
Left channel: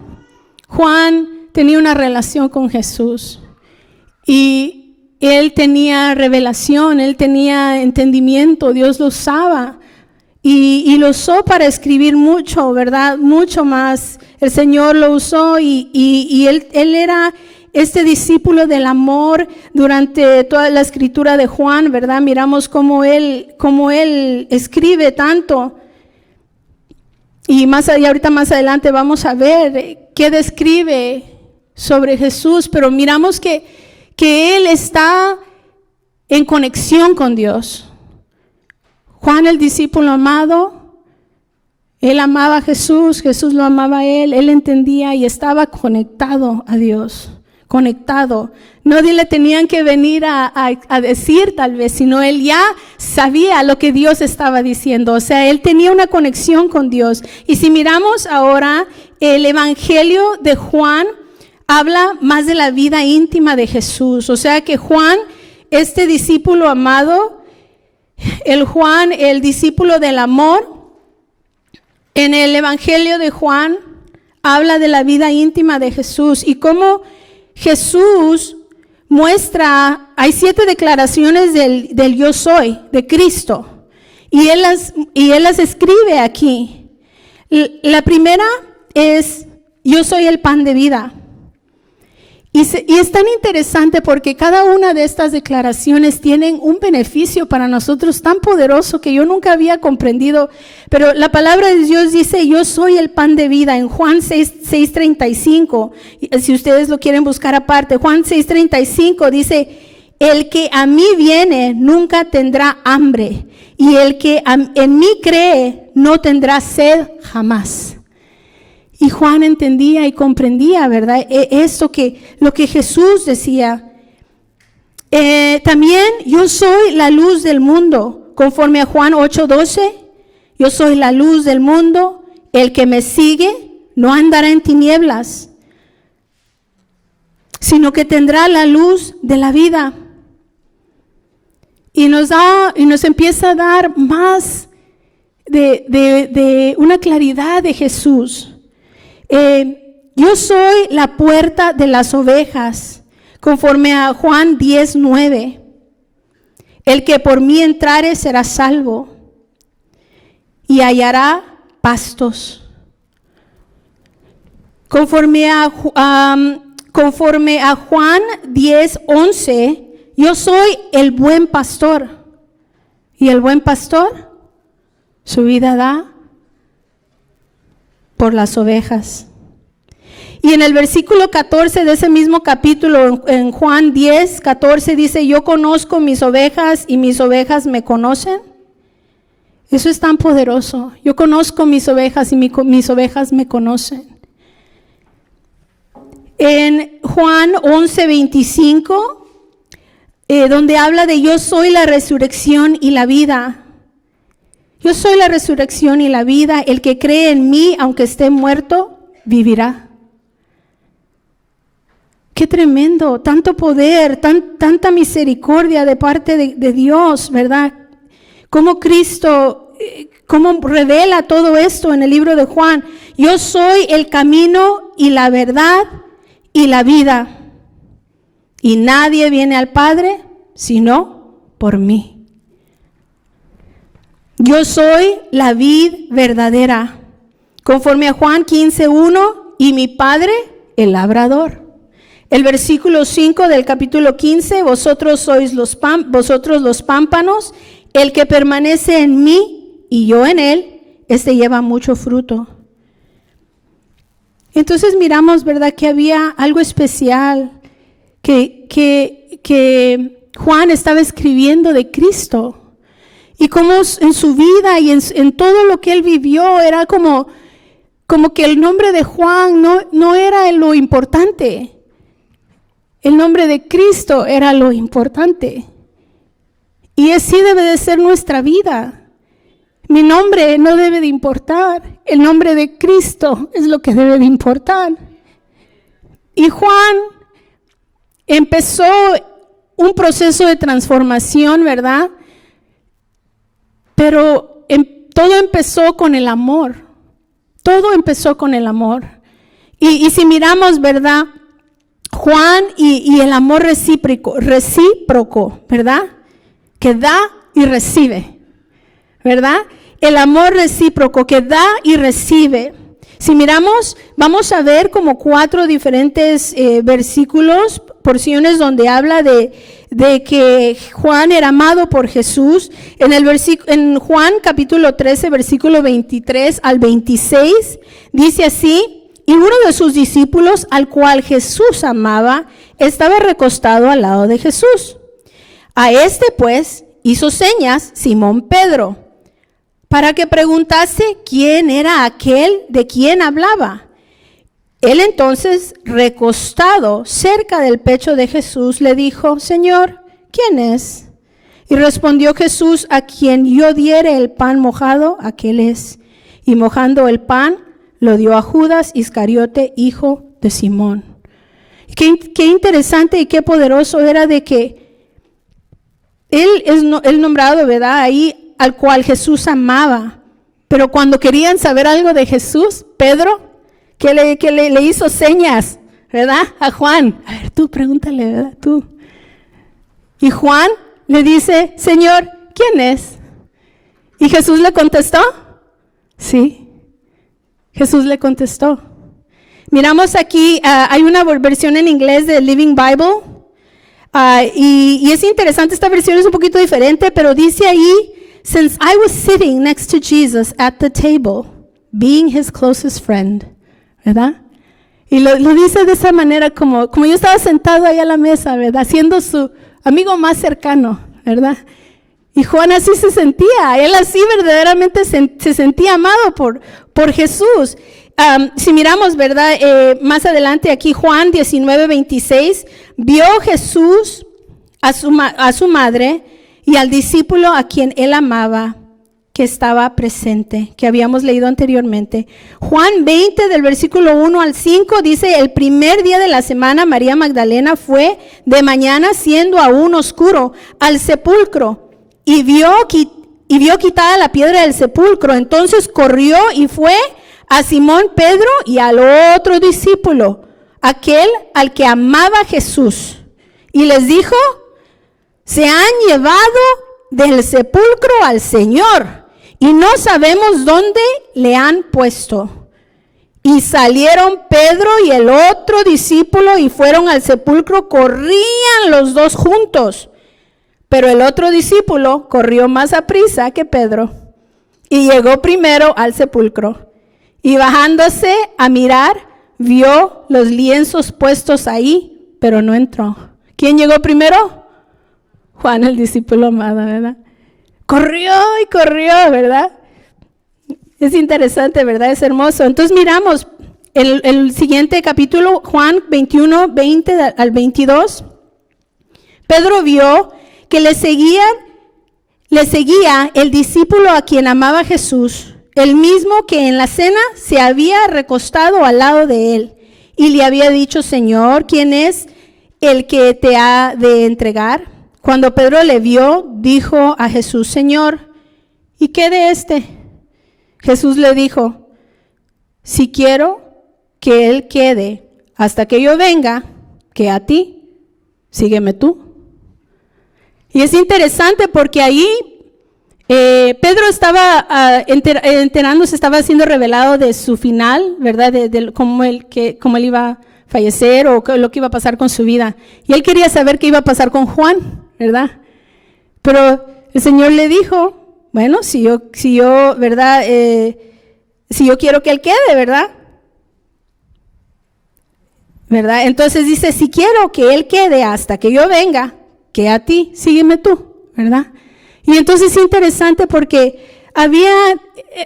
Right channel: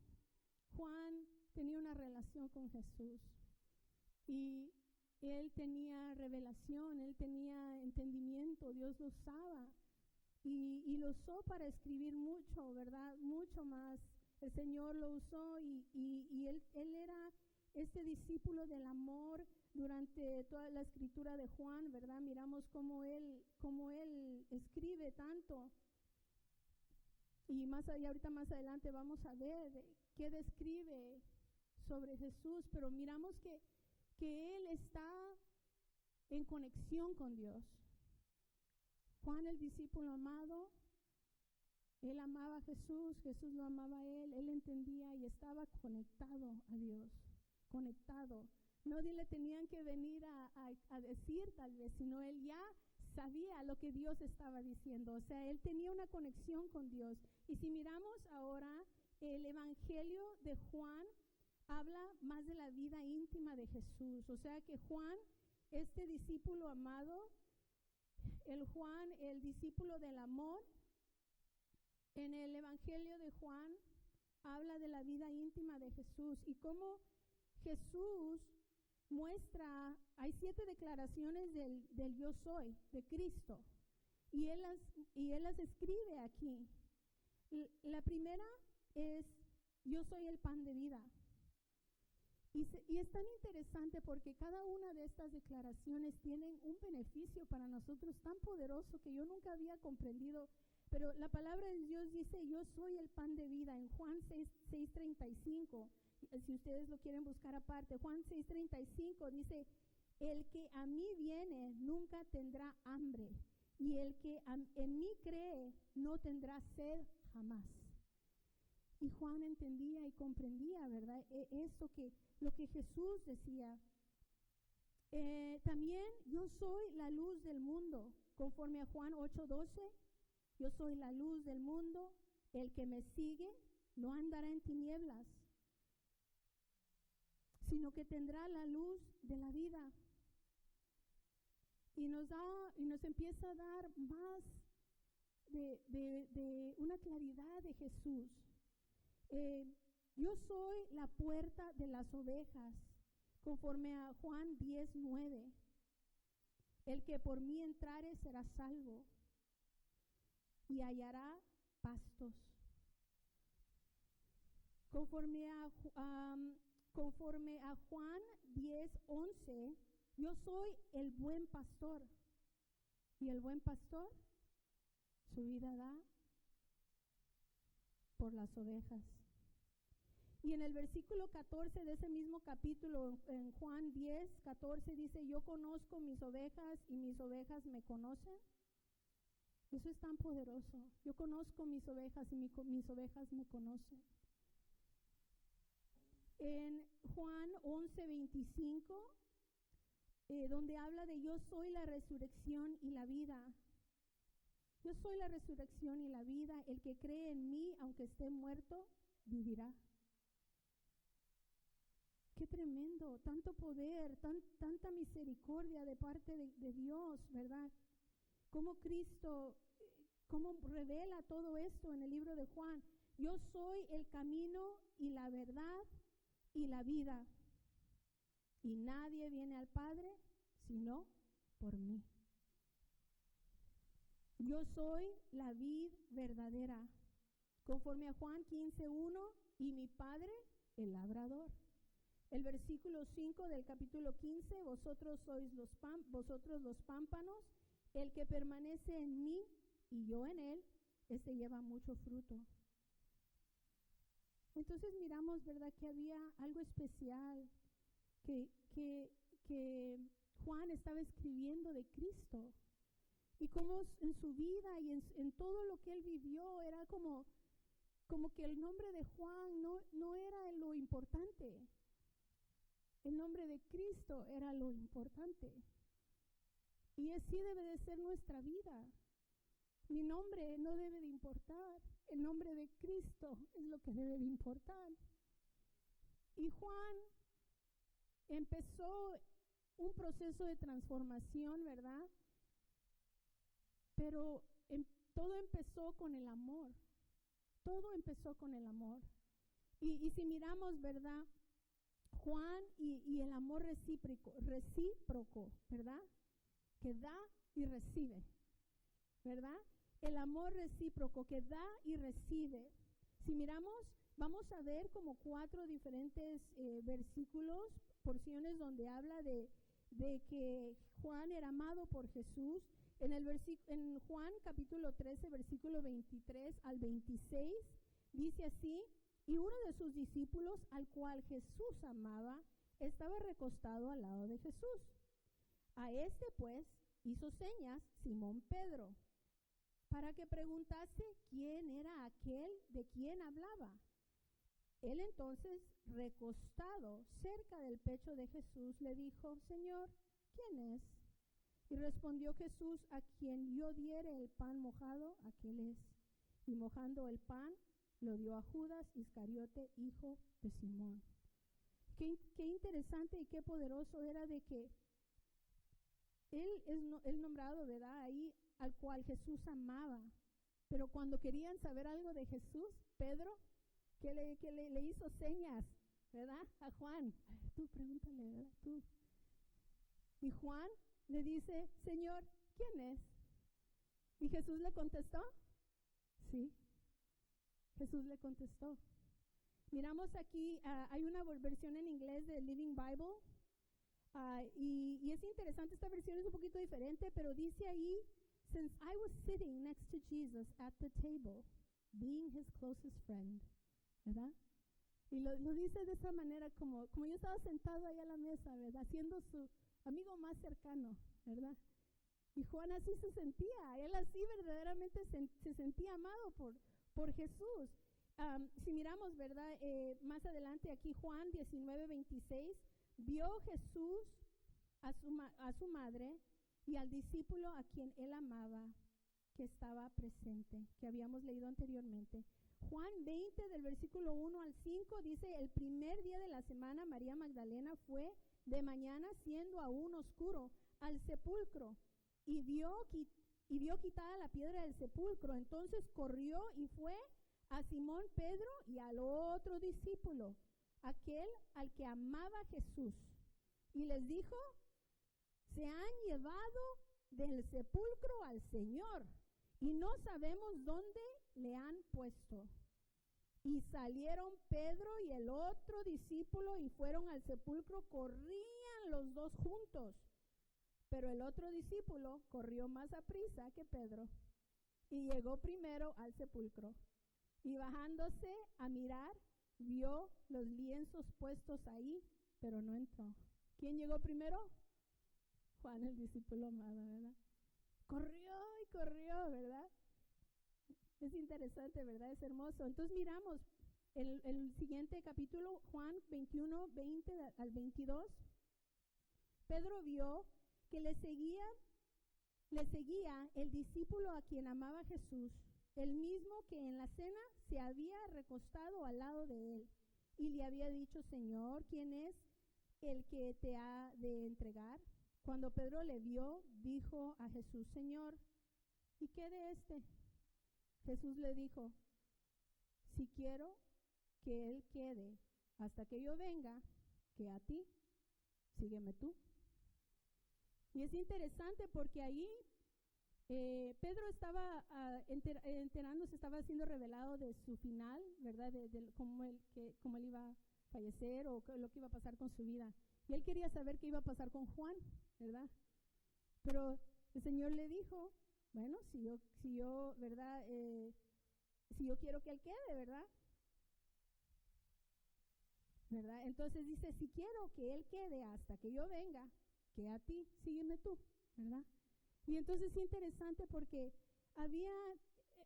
tenía una relación con Jesús y él tenía revelación, él tenía entendimiento, Dios lo usaba y lo usó para escribir mucho, ¿verdad? Mucho más. El Señor lo usó y él era este discípulo del amor durante toda la escritura de Juan, ¿verdad? Miramos cómo él escribe tanto. Y ahorita más adelante vamos a ver qué describe sobre Jesús, pero miramos que él está en conexión con Dios. Juan, el discípulo amado, él amaba a Jesús, Jesús lo amaba a él entendía y estaba conectado a Dios, conectado. No le tenían que venir a decir tal vez, sino él ya sabía lo que Dios estaba diciendo. O sea, él tenía una conexión con Dios. Y si miramos ahora el Evangelio de Juan, habla más de la vida íntima de Jesús. O sea que Juan, este discípulo amado, el discípulo del amor, en el Evangelio de Juan habla de la vida íntima de Jesús y cómo Jesús muestra, hay 7 declaraciones del yo soy, de Cristo, y él las escribe aquí. La primera es, yo soy el pan de vida. Y es tan interesante porque cada una de estas declaraciones tienen un beneficio para nosotros tan poderoso que yo nunca había comprendido. Pero la palabra de Dios dice, yo soy el pan de vida, en Juan 6:35. Si ustedes lo quieren buscar aparte, Juan 6:35 dice, el que a mí viene nunca tendrá hambre, y el que en mí cree no tendrá sed jamás. Y Juan entendía y comprendía, ¿verdad? Lo que Jesús decía. También yo soy la luz del mundo, conforme a Juan 8:12. Yo soy la luz del mundo. El que me sigue no andará en tinieblas, sino que tendrá la luz de la vida. Y nos empieza a dar más de una claridad de Jesús. Yo soy la puerta de las ovejas, conforme a Juan 10:9. El que por mí entrare será salvo y hallará pastos. Conforme a Juan 10:11, yo soy el buen pastor, y el buen pastor su vida da por las ovejas. Y en el versículo 14 de ese mismo capítulo, en Juan 10:14, dice, yo conozco mis ovejas y mis ovejas me conocen. Eso es tan poderoso. Yo conozco mis ovejas y mis ovejas me conocen. En Juan 11:25, donde habla de yo soy la resurrección y la vida. Yo soy la resurrección y la vida. El que cree en mí, aunque esté muerto, vivirá. Qué tremendo, tanto poder, tanta misericordia de parte de Dios, ¿verdad? Cómo Cristo, cómo revela todo esto en el libro de Juan. Yo soy el camino y la verdad y la vida. Y nadie viene al Padre sino por mí. Yo soy la vid verdadera, conforme a Juan 15:1, y mi Padre el labrador. El versículo 5 del capítulo 15, vosotros sois los pámpanos, el que permanece en mí y yo en él, este lleva mucho fruto. Entonces miramos, ¿verdad?, que había algo especial que Juan estaba escribiendo de Cristo. Y como en su vida y en todo lo que él vivió, era como que el nombre de Juan no era lo importante. El nombre de Cristo era lo importante. Y así debe de ser nuestra vida. Mi nombre no debe de importar. El nombre de Cristo es lo que debe de importar. Y Juan empezó un proceso de transformación, ¿verdad? Pero todo empezó con el amor. Todo empezó con el amor. Y si miramos, ¿verdad? Juan y el amor recíproco, ¿verdad? Que da y recibe, ¿verdad? El amor recíproco que da y recibe. Si miramos, vamos a ver como 4 diferentes versículos, porciones donde habla de que Juan era amado por Jesús. En Juan capítulo 13, versículo 23 al 26, dice así: y uno de sus discípulos, al cual Jesús amaba, estaba recostado al lado de Jesús. A este pues hizo señas Simón Pedro, para que preguntase quién era aquel de quien hablaba. Él entonces, recostado cerca del pecho de Jesús, le dijo: Señor, ¿quién es? Y respondió Jesús: a quien yo diere el pan mojado, aquel es. Y mojando el pan, lo dio a Judas Iscariote, hijo de Simón. Qué interesante y qué poderoso era de que él es el nombrado, ¿verdad? Ahí, al cual Jesús amaba. Pero cuando querían saber algo de Jesús, Pedro, que le hizo señas, ¿verdad? A Juan. A ver, tú pregúntale, ¿verdad? Tú. Y Juan le dice: Señor, ¿quién es? Y Jesús le contestó: sí. Jesús le contestó. Miramos aquí, hay una versión en inglés de Living Bible. Y es interesante, esta versión es un poquito diferente, pero dice ahí: since I was sitting next to Jesus at the table, being his closest friend. ¿Verdad? Y lo dice de esa manera, como yo estaba sentado ahí a la mesa, ¿verdad? Siendo su amigo más cercano, ¿verdad? Y Juan así se sentía, él así verdaderamente se sentía amado por Jesús. Si miramos, ¿verdad? Más adelante aquí, Juan 19:26, vio Jesús a su madre y al discípulo a quien él amaba, que estaba presente, que habíamos leído anteriormente. Juan 20, del versículo 1 al 5, dice: el primer día de la semana, María Magdalena fue de mañana, siendo aún oscuro, al sepulcro, y vio quitada la piedra del sepulcro. Entonces corrió y fue a Simón Pedro y al otro discípulo, aquel al que amaba Jesús, y les dijo: se han llevado del sepulcro al Señor, y no sabemos dónde le han puesto. Y salieron Pedro y el otro discípulo y fueron al sepulcro. Corrían los dos juntos, pero el otro discípulo corrió más aprisa que Pedro y llegó primero al sepulcro. Y bajándose a mirar, vio los lienzos puestos ahí, pero no entró. ¿Quién llegó primero? Juan, el discípulo amado, ¿verdad? Corrió y corrió, ¿verdad? Es interesante, ¿verdad? Es hermoso. Entonces miramos el siguiente capítulo, Juan 21, 20 al 22. Pedro vio que le seguía el discípulo a quien amaba Jesús, el mismo que en la cena se había recostado al lado de él, y le había dicho: Señor, ¿quién es el que te ha de entregar? Cuando Pedro le vio, dijo a Jesús: Señor, ¿y qué de este? Jesús le dijo: si quiero que él quede hasta que yo venga, que a ti, sígueme tú. Y es interesante porque ahí Pedro estaba enterándose, estaba siendo revelado de su final, ¿verdad? De cómo él iba a fallecer o lo que iba a pasar con su vida. Y él quería saber qué iba a pasar con Juan, ¿verdad? Pero el Señor le dijo: bueno, si yo, ¿verdad? Si yo quiero que él quede, ¿verdad? Entonces dice: si quiero que él quede hasta que yo venga, que a ti, sígueme tú, ¿verdad? Y entonces es interesante porque había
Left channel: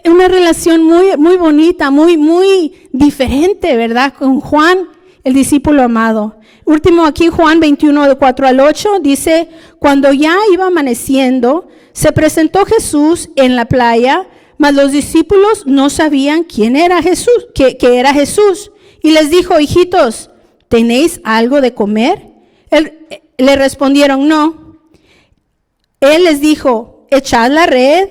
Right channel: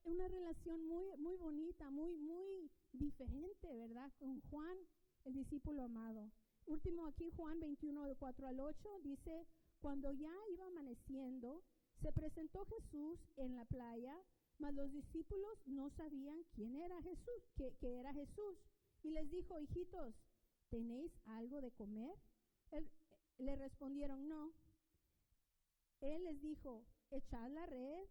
una relación muy, muy bonita, muy, muy diferente, ¿verdad? Con Juan, el discípulo amado. Último aquí, Juan 21, de 4 al 8, dice: cuando ya iba amaneciendo, se presentó Jesús en la playa, mas los discípulos no sabían quién era Jesús, que era Jesús. Y les dijo: hijitos, ¿tenéis algo de comer? Le respondieron, no. Él les dijo, echad la red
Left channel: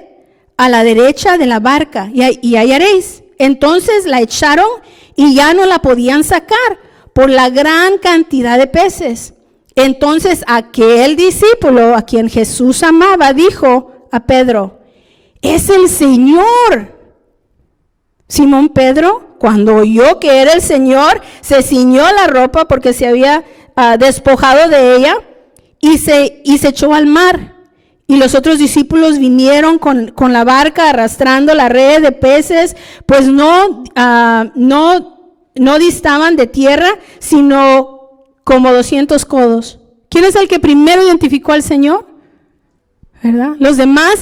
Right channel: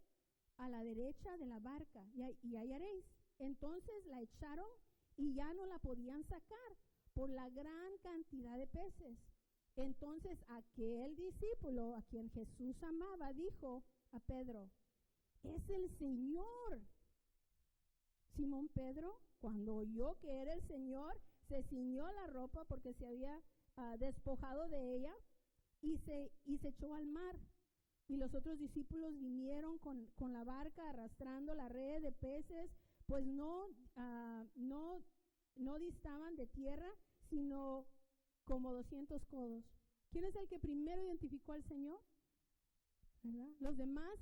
a la derecha de la barca y hallaréis. Entonces la echaron y ya no la podían sacar por la gran cantidad de peces. Entonces aquel discípulo a quien Jesús amaba dijo a Pedro, es el Señor. Simón Pedro, cuando oyó que era el Señor, se ciñó la ropa porque se había despojado de ella y se echó al mar. Y los otros discípulos vinieron con la barca arrastrando la red de peces, pues no distaban de tierra, sino como 200 codos. ¿Quién es el que primero identificó al Señor? ¿Verdad? Los demás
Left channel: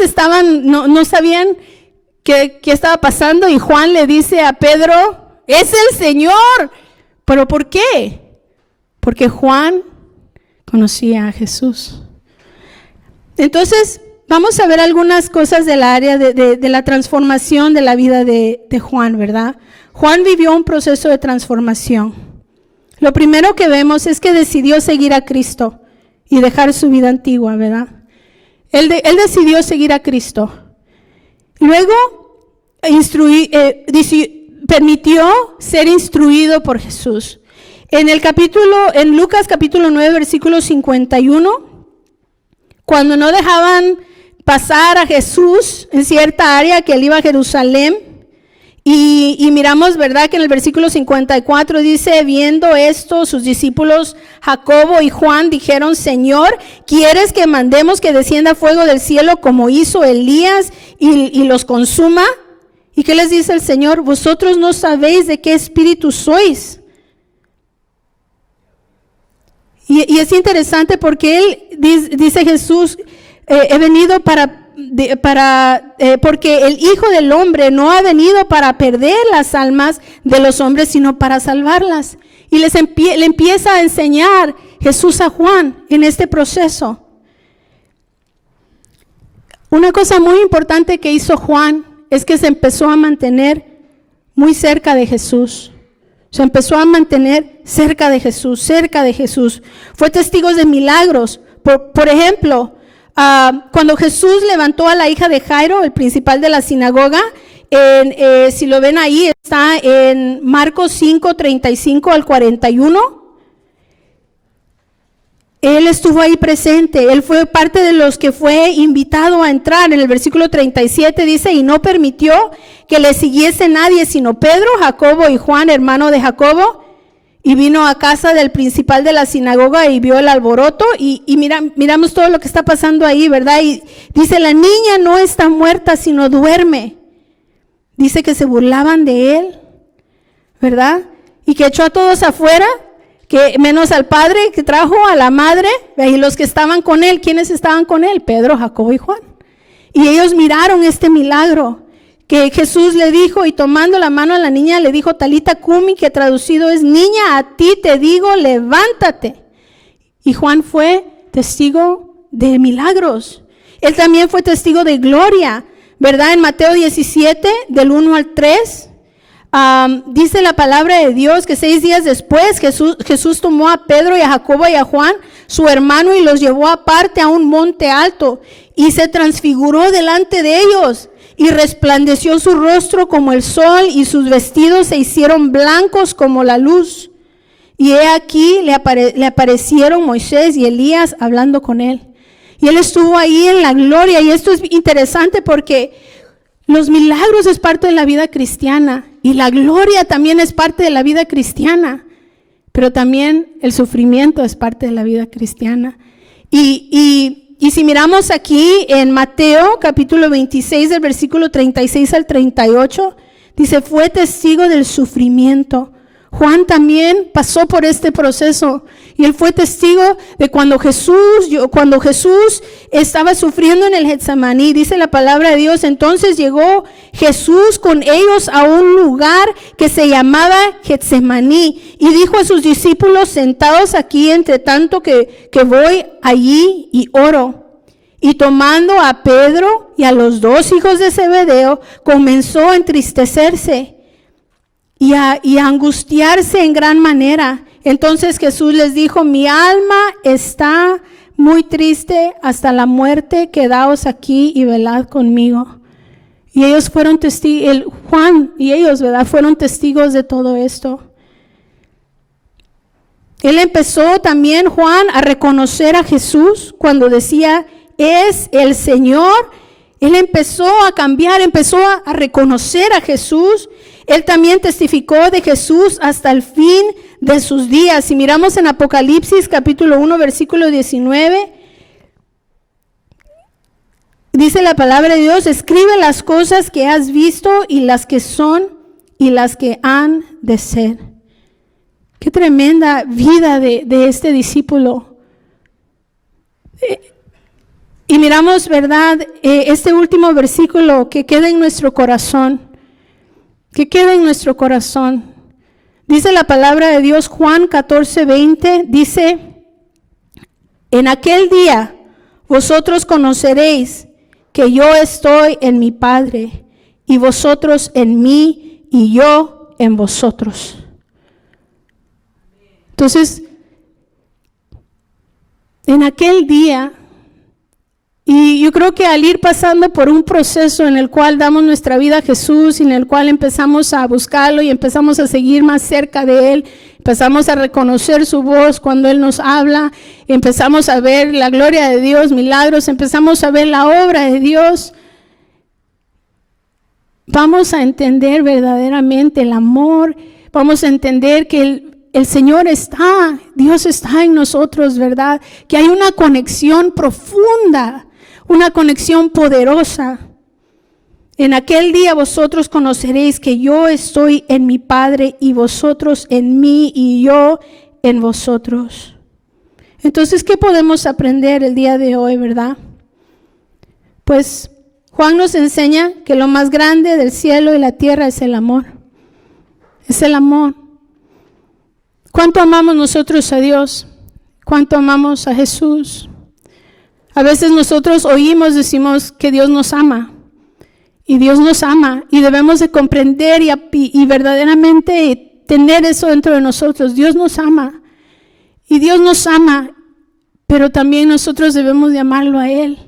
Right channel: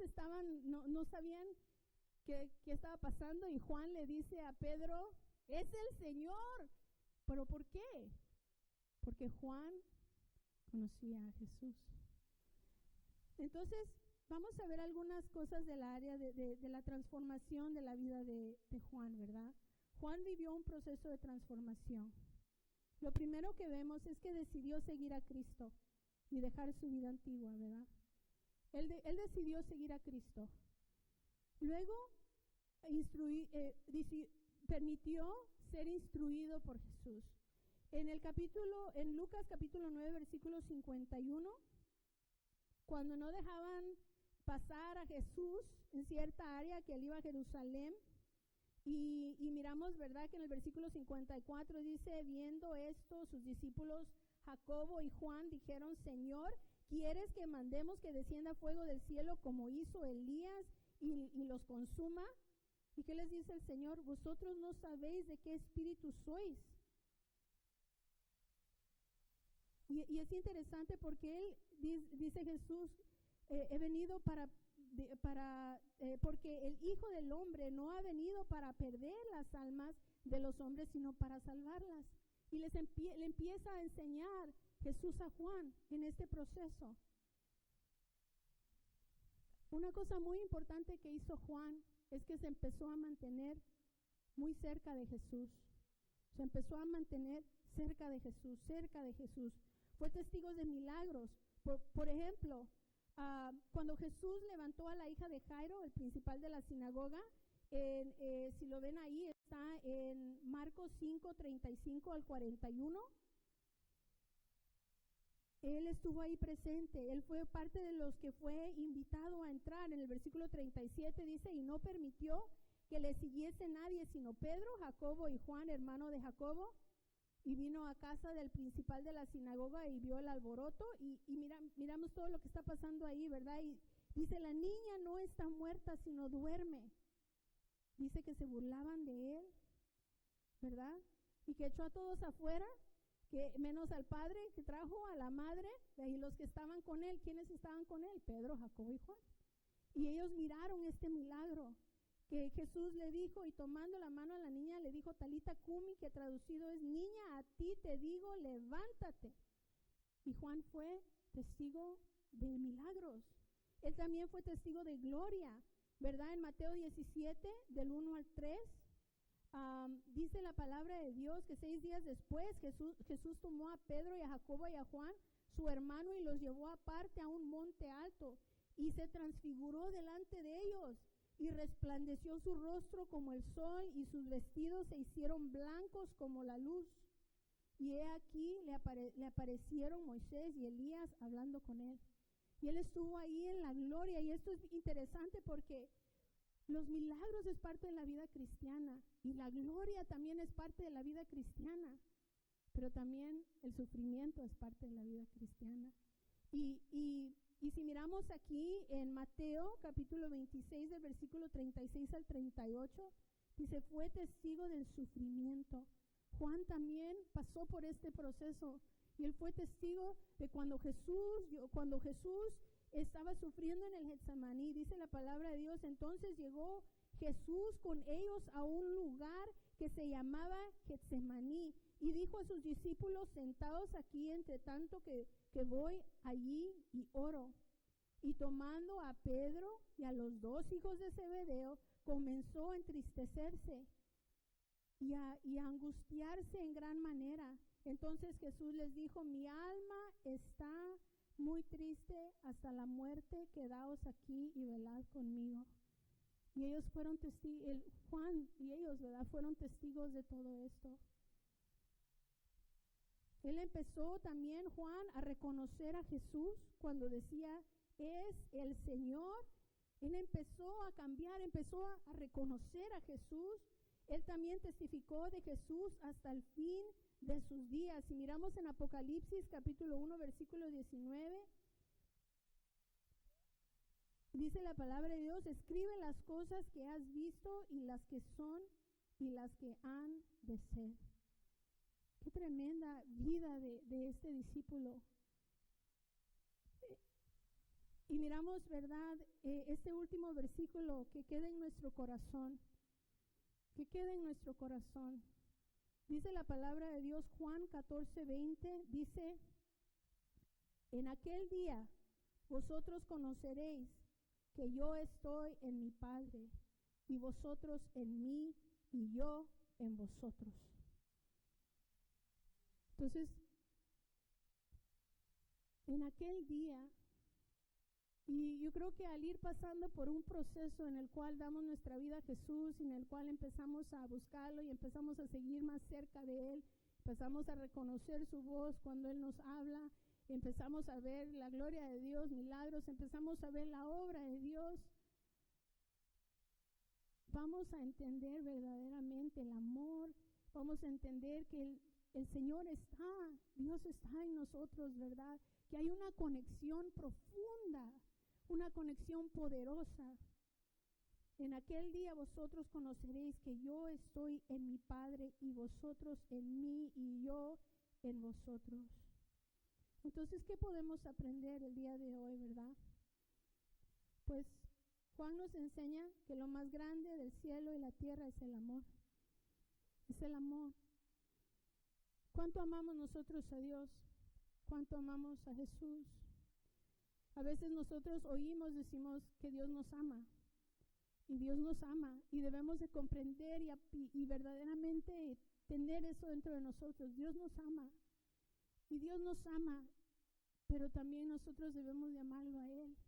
no sabían qué estaba pasando, y Juan le dice a Pedro, es el Señor. ¿Pero por qué? Porque Juan conocía a Jesús. Entonces, vamos a ver algunas cosas del área de la transformación de la vida de Juan, ¿verdad? Juan vivió un proceso de transformación. Lo primero que vemos es que decidió seguir a Cristo y dejar su vida antigua, ¿verdad? Él decidió seguir a Cristo. Luego, permitió ser instruido por Jesús. En Lucas capítulo 9, versículo 51, cuando no dejaban pasar a Jesús en cierta área, que él iba a Jerusalén, y miramos, ¿verdad?, que en el versículo 54 dice, viendo esto, sus discípulos Jacobo y Juan dijeron, Señor, ¿quieres que mandemos que descienda fuego del cielo como hizo Elías y los consuma? ¿Y qué les dice el Señor? Vosotros no sabéis de qué espíritu sois. Y es interesante porque él dice Jesús, he venido porque el Hijo del Hombre no ha venido para perder las almas de los hombres, sino para salvarlas. Y le empieza a enseñar Jesús a Juan en este proceso. Una cosa muy importante que hizo Juan es que se empezó a mantener muy cerca de Jesús. Se empezó a mantener cerca de Jesús, cerca de Jesús. Fue testigo de milagros. Por ejemplo, cuando Jesús levantó a la hija de Jairo, el principal de la sinagoga, si lo ven ahí, está en Marcos 5, 35 al 41. Él estuvo ahí presente, él fue parte de los que fue invitado a entrar. En el versículo 37 dice, y no permitió que le siguiese nadie, sino Pedro, Jacobo y Juan, hermano de Jacobo, y vino a casa del principal de la sinagoga y vio el alboroto, y miramos todo lo que está pasando ahí, ¿verdad? Y dice, la niña no está muerta, sino duerme. Dice que se burlaban de él, ¿verdad? Y que echó a todos afuera, que menos al padre, que trajo a la madre, y los que estaban con él. ¿Quiénes estaban con él? Pedro, Jacobo y Juan. Y ellos miraron este milagro que Jesús le dijo, y tomando la mano a la niña le dijo, Talita Cumi, que traducido es, niña, a ti te digo, levántate. Y Juan fue testigo de milagros. Él también fue testigo de gloria, ¿verdad? En Mateo 17, del 1 al 3, dice la palabra de Dios que 6 días después Jesús tomó a Pedro y a Jacobo y a Juan, su hermano, y los llevó aparte a un monte alto y se transfiguró delante de ellos y resplandeció su rostro como el sol y sus vestidos se hicieron blancos como la luz. Y he aquí le aparecieron Moisés y Elías hablando con él. Y él estuvo ahí en la gloria. Y esto es interesante porque los milagros es parte de la vida cristiana y la gloria también es parte de la vida cristiana, pero también el sufrimiento es parte de la vida cristiana. Y si miramos aquí en Mateo capítulo 26 del versículo 36 al 38, dice, fue testigo del sufrimiento. Juan también pasó por este proceso y él fue testigo de cuando Jesús estaba sufriendo en el Getsemaní. Dice la palabra de Dios, entonces llegó Jesús con ellos a un lugar que se llamaba Getsemaní y dijo a sus discípulos, sentados aquí entre tanto que voy allí y oro. Y tomando a Pedro y a los 2 hijos de Zebedeo, comenzó a entristecerse y a angustiarse en gran manera. Entonces Jesús les dijo: mi alma está muy triste hasta la muerte, quedaos aquí y velad conmigo. Y ellos fueron testigos, Juan y ellos, ¿verdad?, fueron testigos de todo esto. Él empezó también, Juan, a reconocer a Jesús cuando decía: es el Señor. Él empezó a cambiar, empezó a reconocer a Jesús. Él también testificó de Jesús hasta el fin de sus días. Si miramos en Apocalipsis capítulo 1, versículo 19, dice la palabra de Dios: escribe las cosas que has visto y las que son y las que han de ser. Qué tremenda vida de este discípulo. Y miramos, ¿verdad?, este último versículo que queda en nuestro corazón. Que queda en nuestro corazón. Dice la palabra de Dios, Juan 14:20, dice: en aquel día vosotros conoceréis que yo estoy en mi Padre, y vosotros en mí, y yo en vosotros. Entonces, en aquel día, y yo creo que al ir pasando por un proceso en el cual damos nuestra vida a Jesús, y en el cual empezamos a buscarlo y empezamos a seguir más cerca de Él, empezamos a reconocer su voz cuando Él nos habla, empezamos a ver la gloria de Dios, milagros, empezamos a ver la obra de Dios, vamos a entender verdaderamente el amor, vamos a entender que el Señor está, Dios está en nosotros, ¿verdad? Que hay una conexión profunda, una conexión poderosa. En aquel día vosotros conoceréis que yo estoy en mi Padre, y vosotros en mí, y yo en vosotros. Entonces, ¿qué podemos aprender el día de hoy, verdad? Pues Juan nos enseña que lo más grande del cielo y la tierra es el amor. Es el amor. ¿Cuánto amamos nosotros a Dios? ¿Cuánto amamos a Jesús? A veces nosotros oímos, decimos que Dios nos ama. Y Dios nos ama. Y debemos de comprender y verdaderamente tener eso dentro de nosotros. Dios nos ama. Y Dios nos ama. Pero también nosotros debemos de amarlo a Él,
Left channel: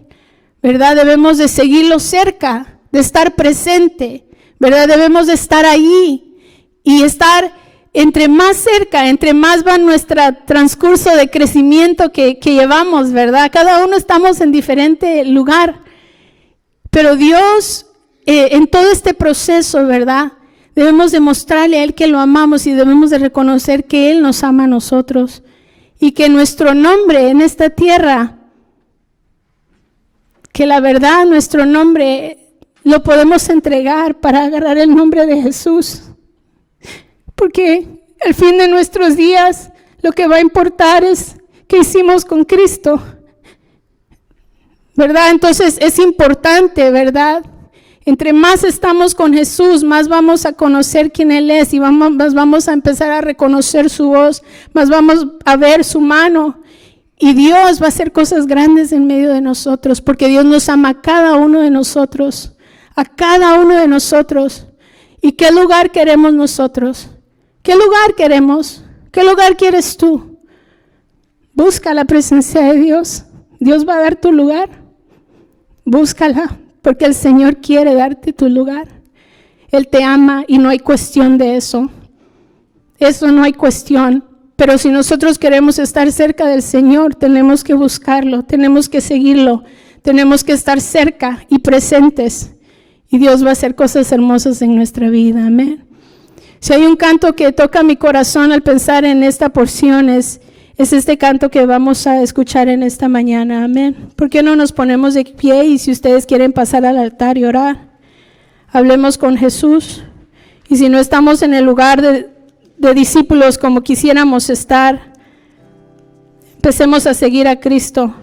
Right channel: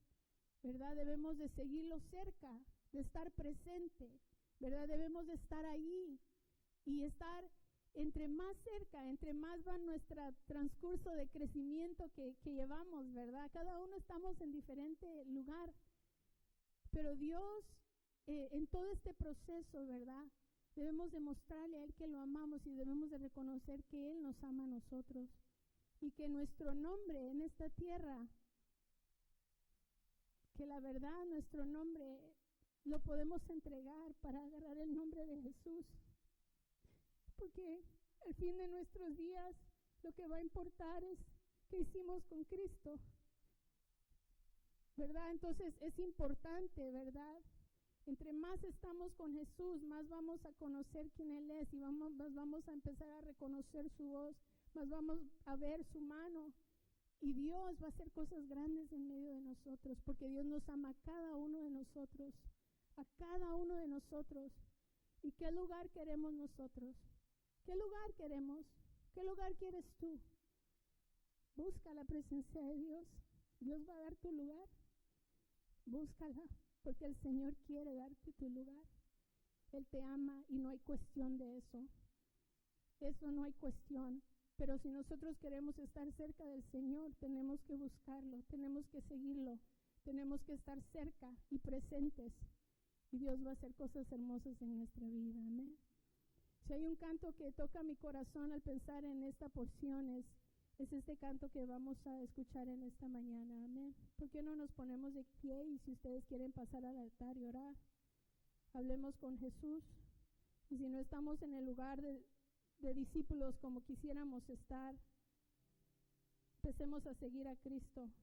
¿verdad? Debemos de seguirlo cerca, de estar presente, ¿verdad? Debemos de estar ahí y estar entre más cerca, entre más va nuestro transcurso de crecimiento que llevamos, ¿verdad? Cada uno estamos en diferente lugar, pero Dios, en todo este proceso, ¿verdad?, debemos demostrarle a Él que lo amamos, y debemos de reconocer que Él nos ama a nosotros, y que nuestro nombre en esta tierra, que la verdad nuestro nombre lo podemos entregar para agarrar el nombre de Jesús. Porque al fin de nuestros días lo que va a importar es qué hicimos con Cristo, ¿verdad? Entonces es importante, ¿verdad? Entre más estamos con Jesús, más vamos a conocer quién Él es, y más vamos a empezar a reconocer su voz, más vamos a ver su mano, y Dios va a hacer cosas grandes en medio de nosotros, porque Dios nos ama a cada uno de nosotros, a cada uno de nosotros. ¿Y qué lugar queremos nosotros? ¿Qué lugar queremos? ¿Qué lugar quieres tú? Busca la presencia de Dios. Dios va a dar tu lugar. Búscala, porque el Señor quiere darte tu lugar. Él te ama y no hay cuestión de eso. Eso no hay cuestión. Pero si nosotros queremos estar cerca del Señor, tenemos que buscarlo, tenemos que seguirlo, tenemos que estar cerca y presentes. Y Dios va a hacer cosas hermosas en nuestra vida. Amén. Si hay un canto que toca mi corazón al pensar en esta porción, es este canto que vamos a escuchar en esta mañana. Amén. ¿Por qué no nos ponemos de pie? Y si ustedes quieren pasar al altar y orar, hablemos con Jesús. Y si no estamos en el lugar de discípulos como quisiéramos estar, empecemos a seguir a Cristo.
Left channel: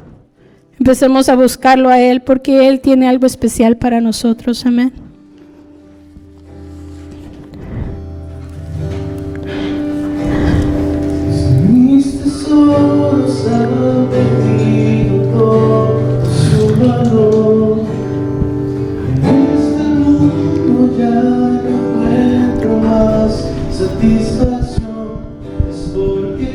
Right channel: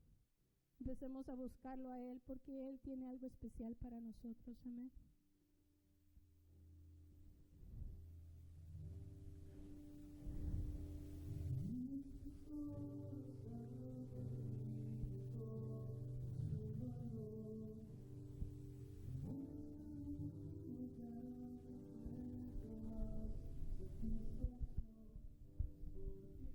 Empecemos a buscarlo a Él, porque Él tiene algo especial para nosotros. Amén. Mis tesoros han perdido todo su valor. En este mundo ya no encuentro más satisfacción. Es porque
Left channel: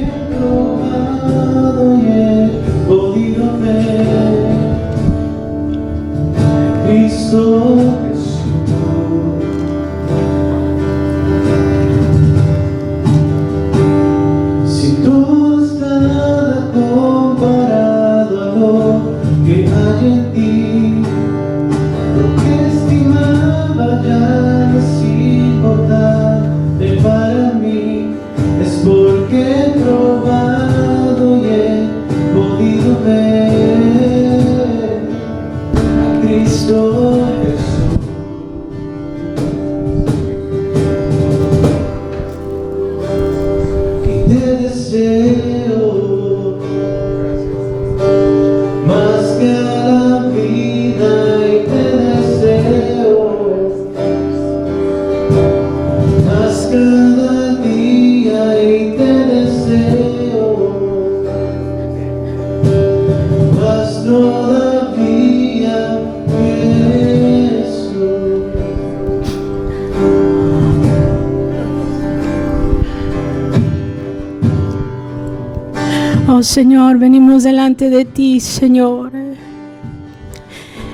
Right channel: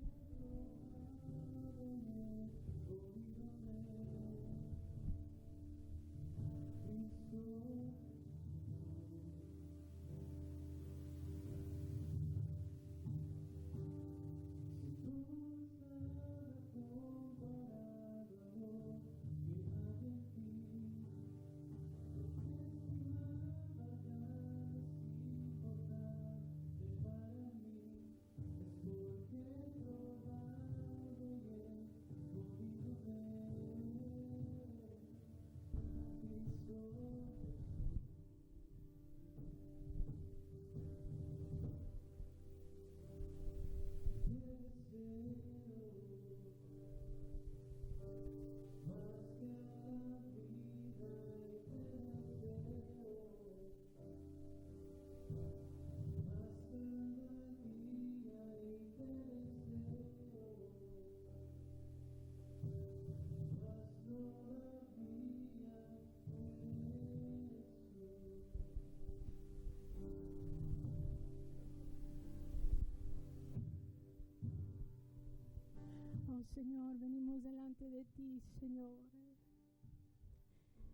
Oh Señor, venimos delante de ti, Señor.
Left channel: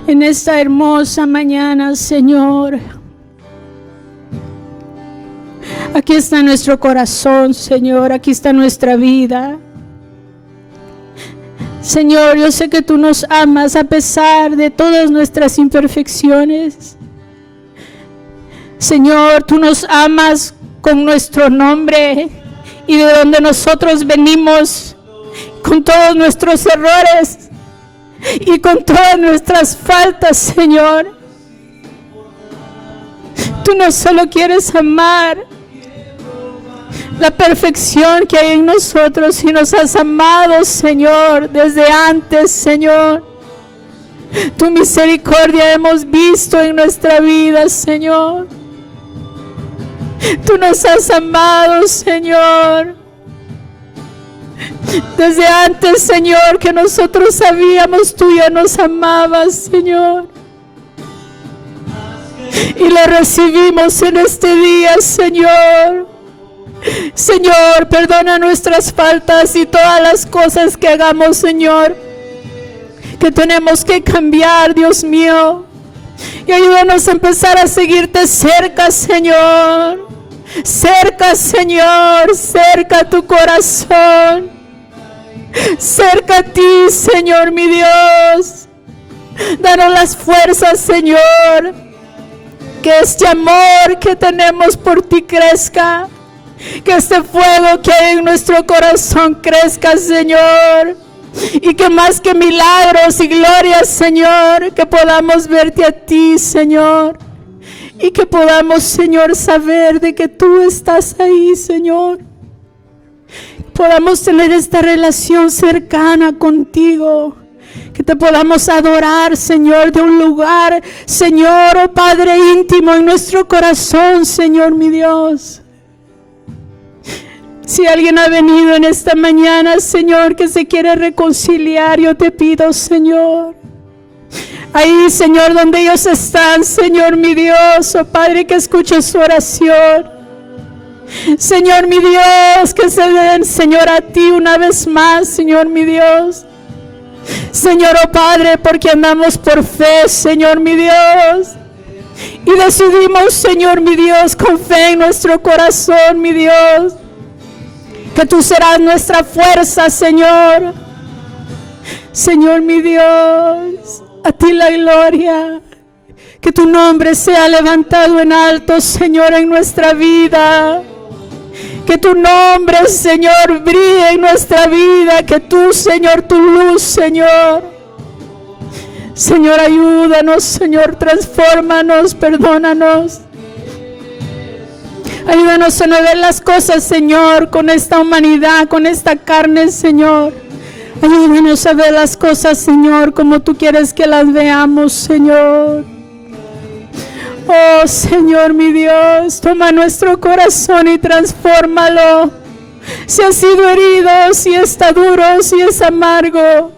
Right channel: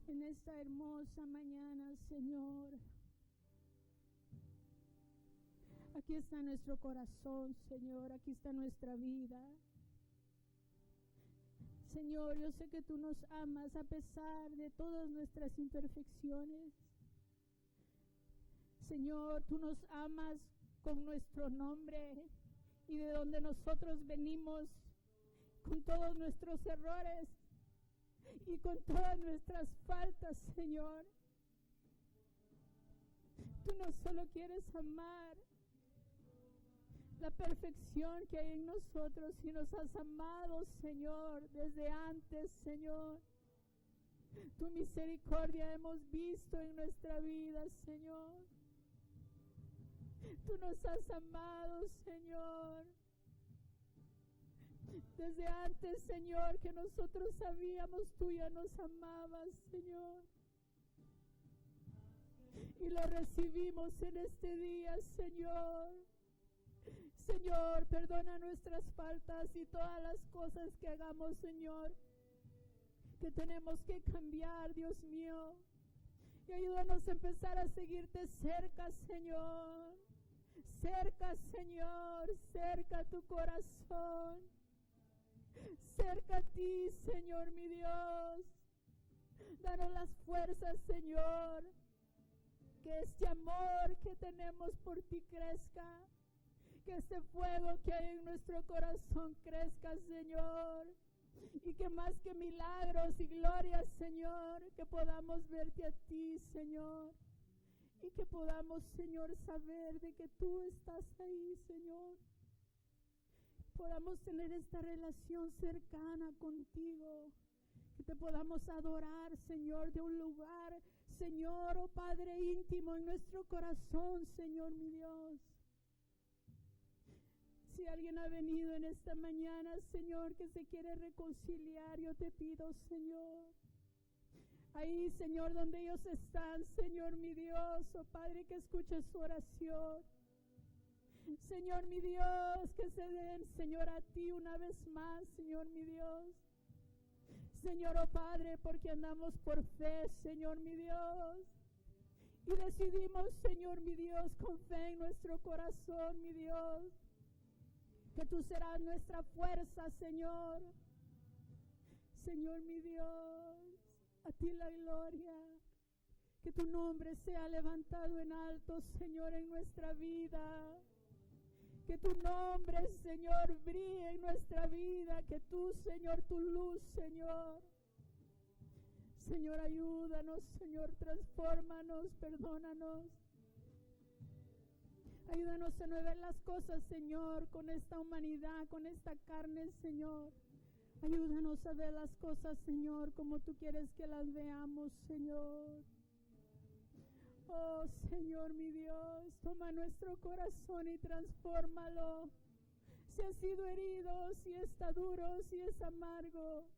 En esta hermosa mañana, Señor. Aquí está nuestro corazón, Señor. Aquí está nuestra vida. Señor, yo sé que tú nos amas a pesar de todas nuestras imperfecciones. Señor, tú nos amas con nuestro nombre y de donde nosotros venimos, con todos nuestros errores y con todas nuestras faltas, Señor. Tú no solo quieres amar la perfección que hay en nosotros, y nos has amado, Señor, desde antes, Señor. Tu misericordia hemos visto en nuestra vida, Señor. Tú nos has amado, Señor, desde antes, Señor, que nosotros sabíamos, tú ya nos amabas, Señor. Y lo recibimos en este día, Señor. Señor, perdona nuestras faltas y todas las cosas que hagamos, Señor, que tenemos que cambiar, Dios mío. Y ayúdanos a empezar a seguirte cerca, Señor. Cerca, Señor, cerca a tu corazón. Cerca a ti, Señor, mi Dios. Danos las fuerzas, Señor. Que este amor que tenemos por ti crezca. Que este fuego que hay en nuestro corazón crezca, Señor. Y que más que milagros y glorias, Señor, que podamos verte a ti, Señor. Y que podamos, Señor, saber de que tú estás ahí, Señor. Podamos tener esta relación cercana contigo. Que te podamos adorar, Señor, de un lugar, Señor, oh Padre íntimo en nuestro corazón, Señor, mi Dios. Si alguien ha venido en esta mañana, Señor, que se quiere reconciliar, yo te pido, Señor. Ahí, Señor, donde ellos están, Señor, mi Dios, oh Padre, que escuche su oración. Señor, mi Dios, que se den, Señor, a ti una vez más, Señor, mi Dios. Señor, oh Padre, porque andamos por fe, Señor, mi Dios. Y decidimos, Señor, mi Dios, con fe en nuestro corazón, mi Dios, que tú serás nuestra fuerza, Señor. Señor, mi Dios, a ti la gloria. Que tu nombre sea levantado en alto, Señor, en nuestra vida. Que tu nombre, Señor, brille en nuestra vida. Que tú, Señor, tu luz, Señor. Señor, ayúdanos, Señor, transfórmanos, perdónanos. Ayúdanos a no ver las cosas, Señor, con esta humanidad, con esta carne, Señor. Ayúdanos a ver las cosas, Señor, como tú quieres que las veamos, Señor. Oh, Señor, mi Dios, toma nuestro corazón y transfórmalo. Si ha sido herido, si está duro, si es amargo,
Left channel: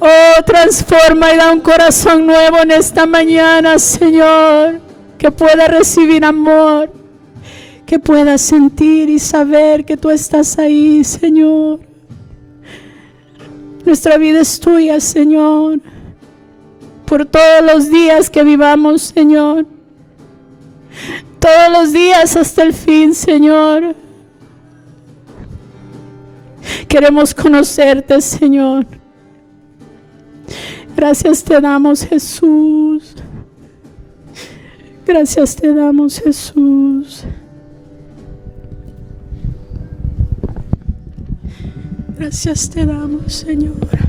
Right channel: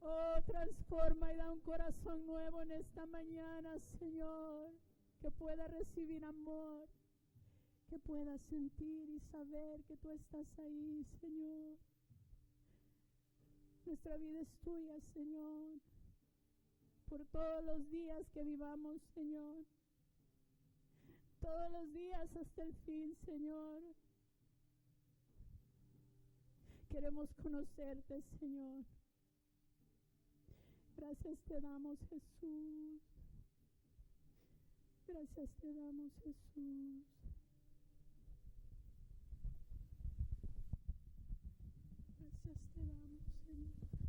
oh, transforma y da un corazón nuevo en esta mañana, Señor, que pueda recibir amor, que pueda sentir y saber que tú estás ahí, Señor. Nuestra vida es tuya, Señor, por todos los días que vivamos, Señor. Todos los días hasta el fin, Señor. Queremos conocerte, Señor. Gracias te damos, Jesús. Gracias te damos, Jesús. Gracias te damos, Señor.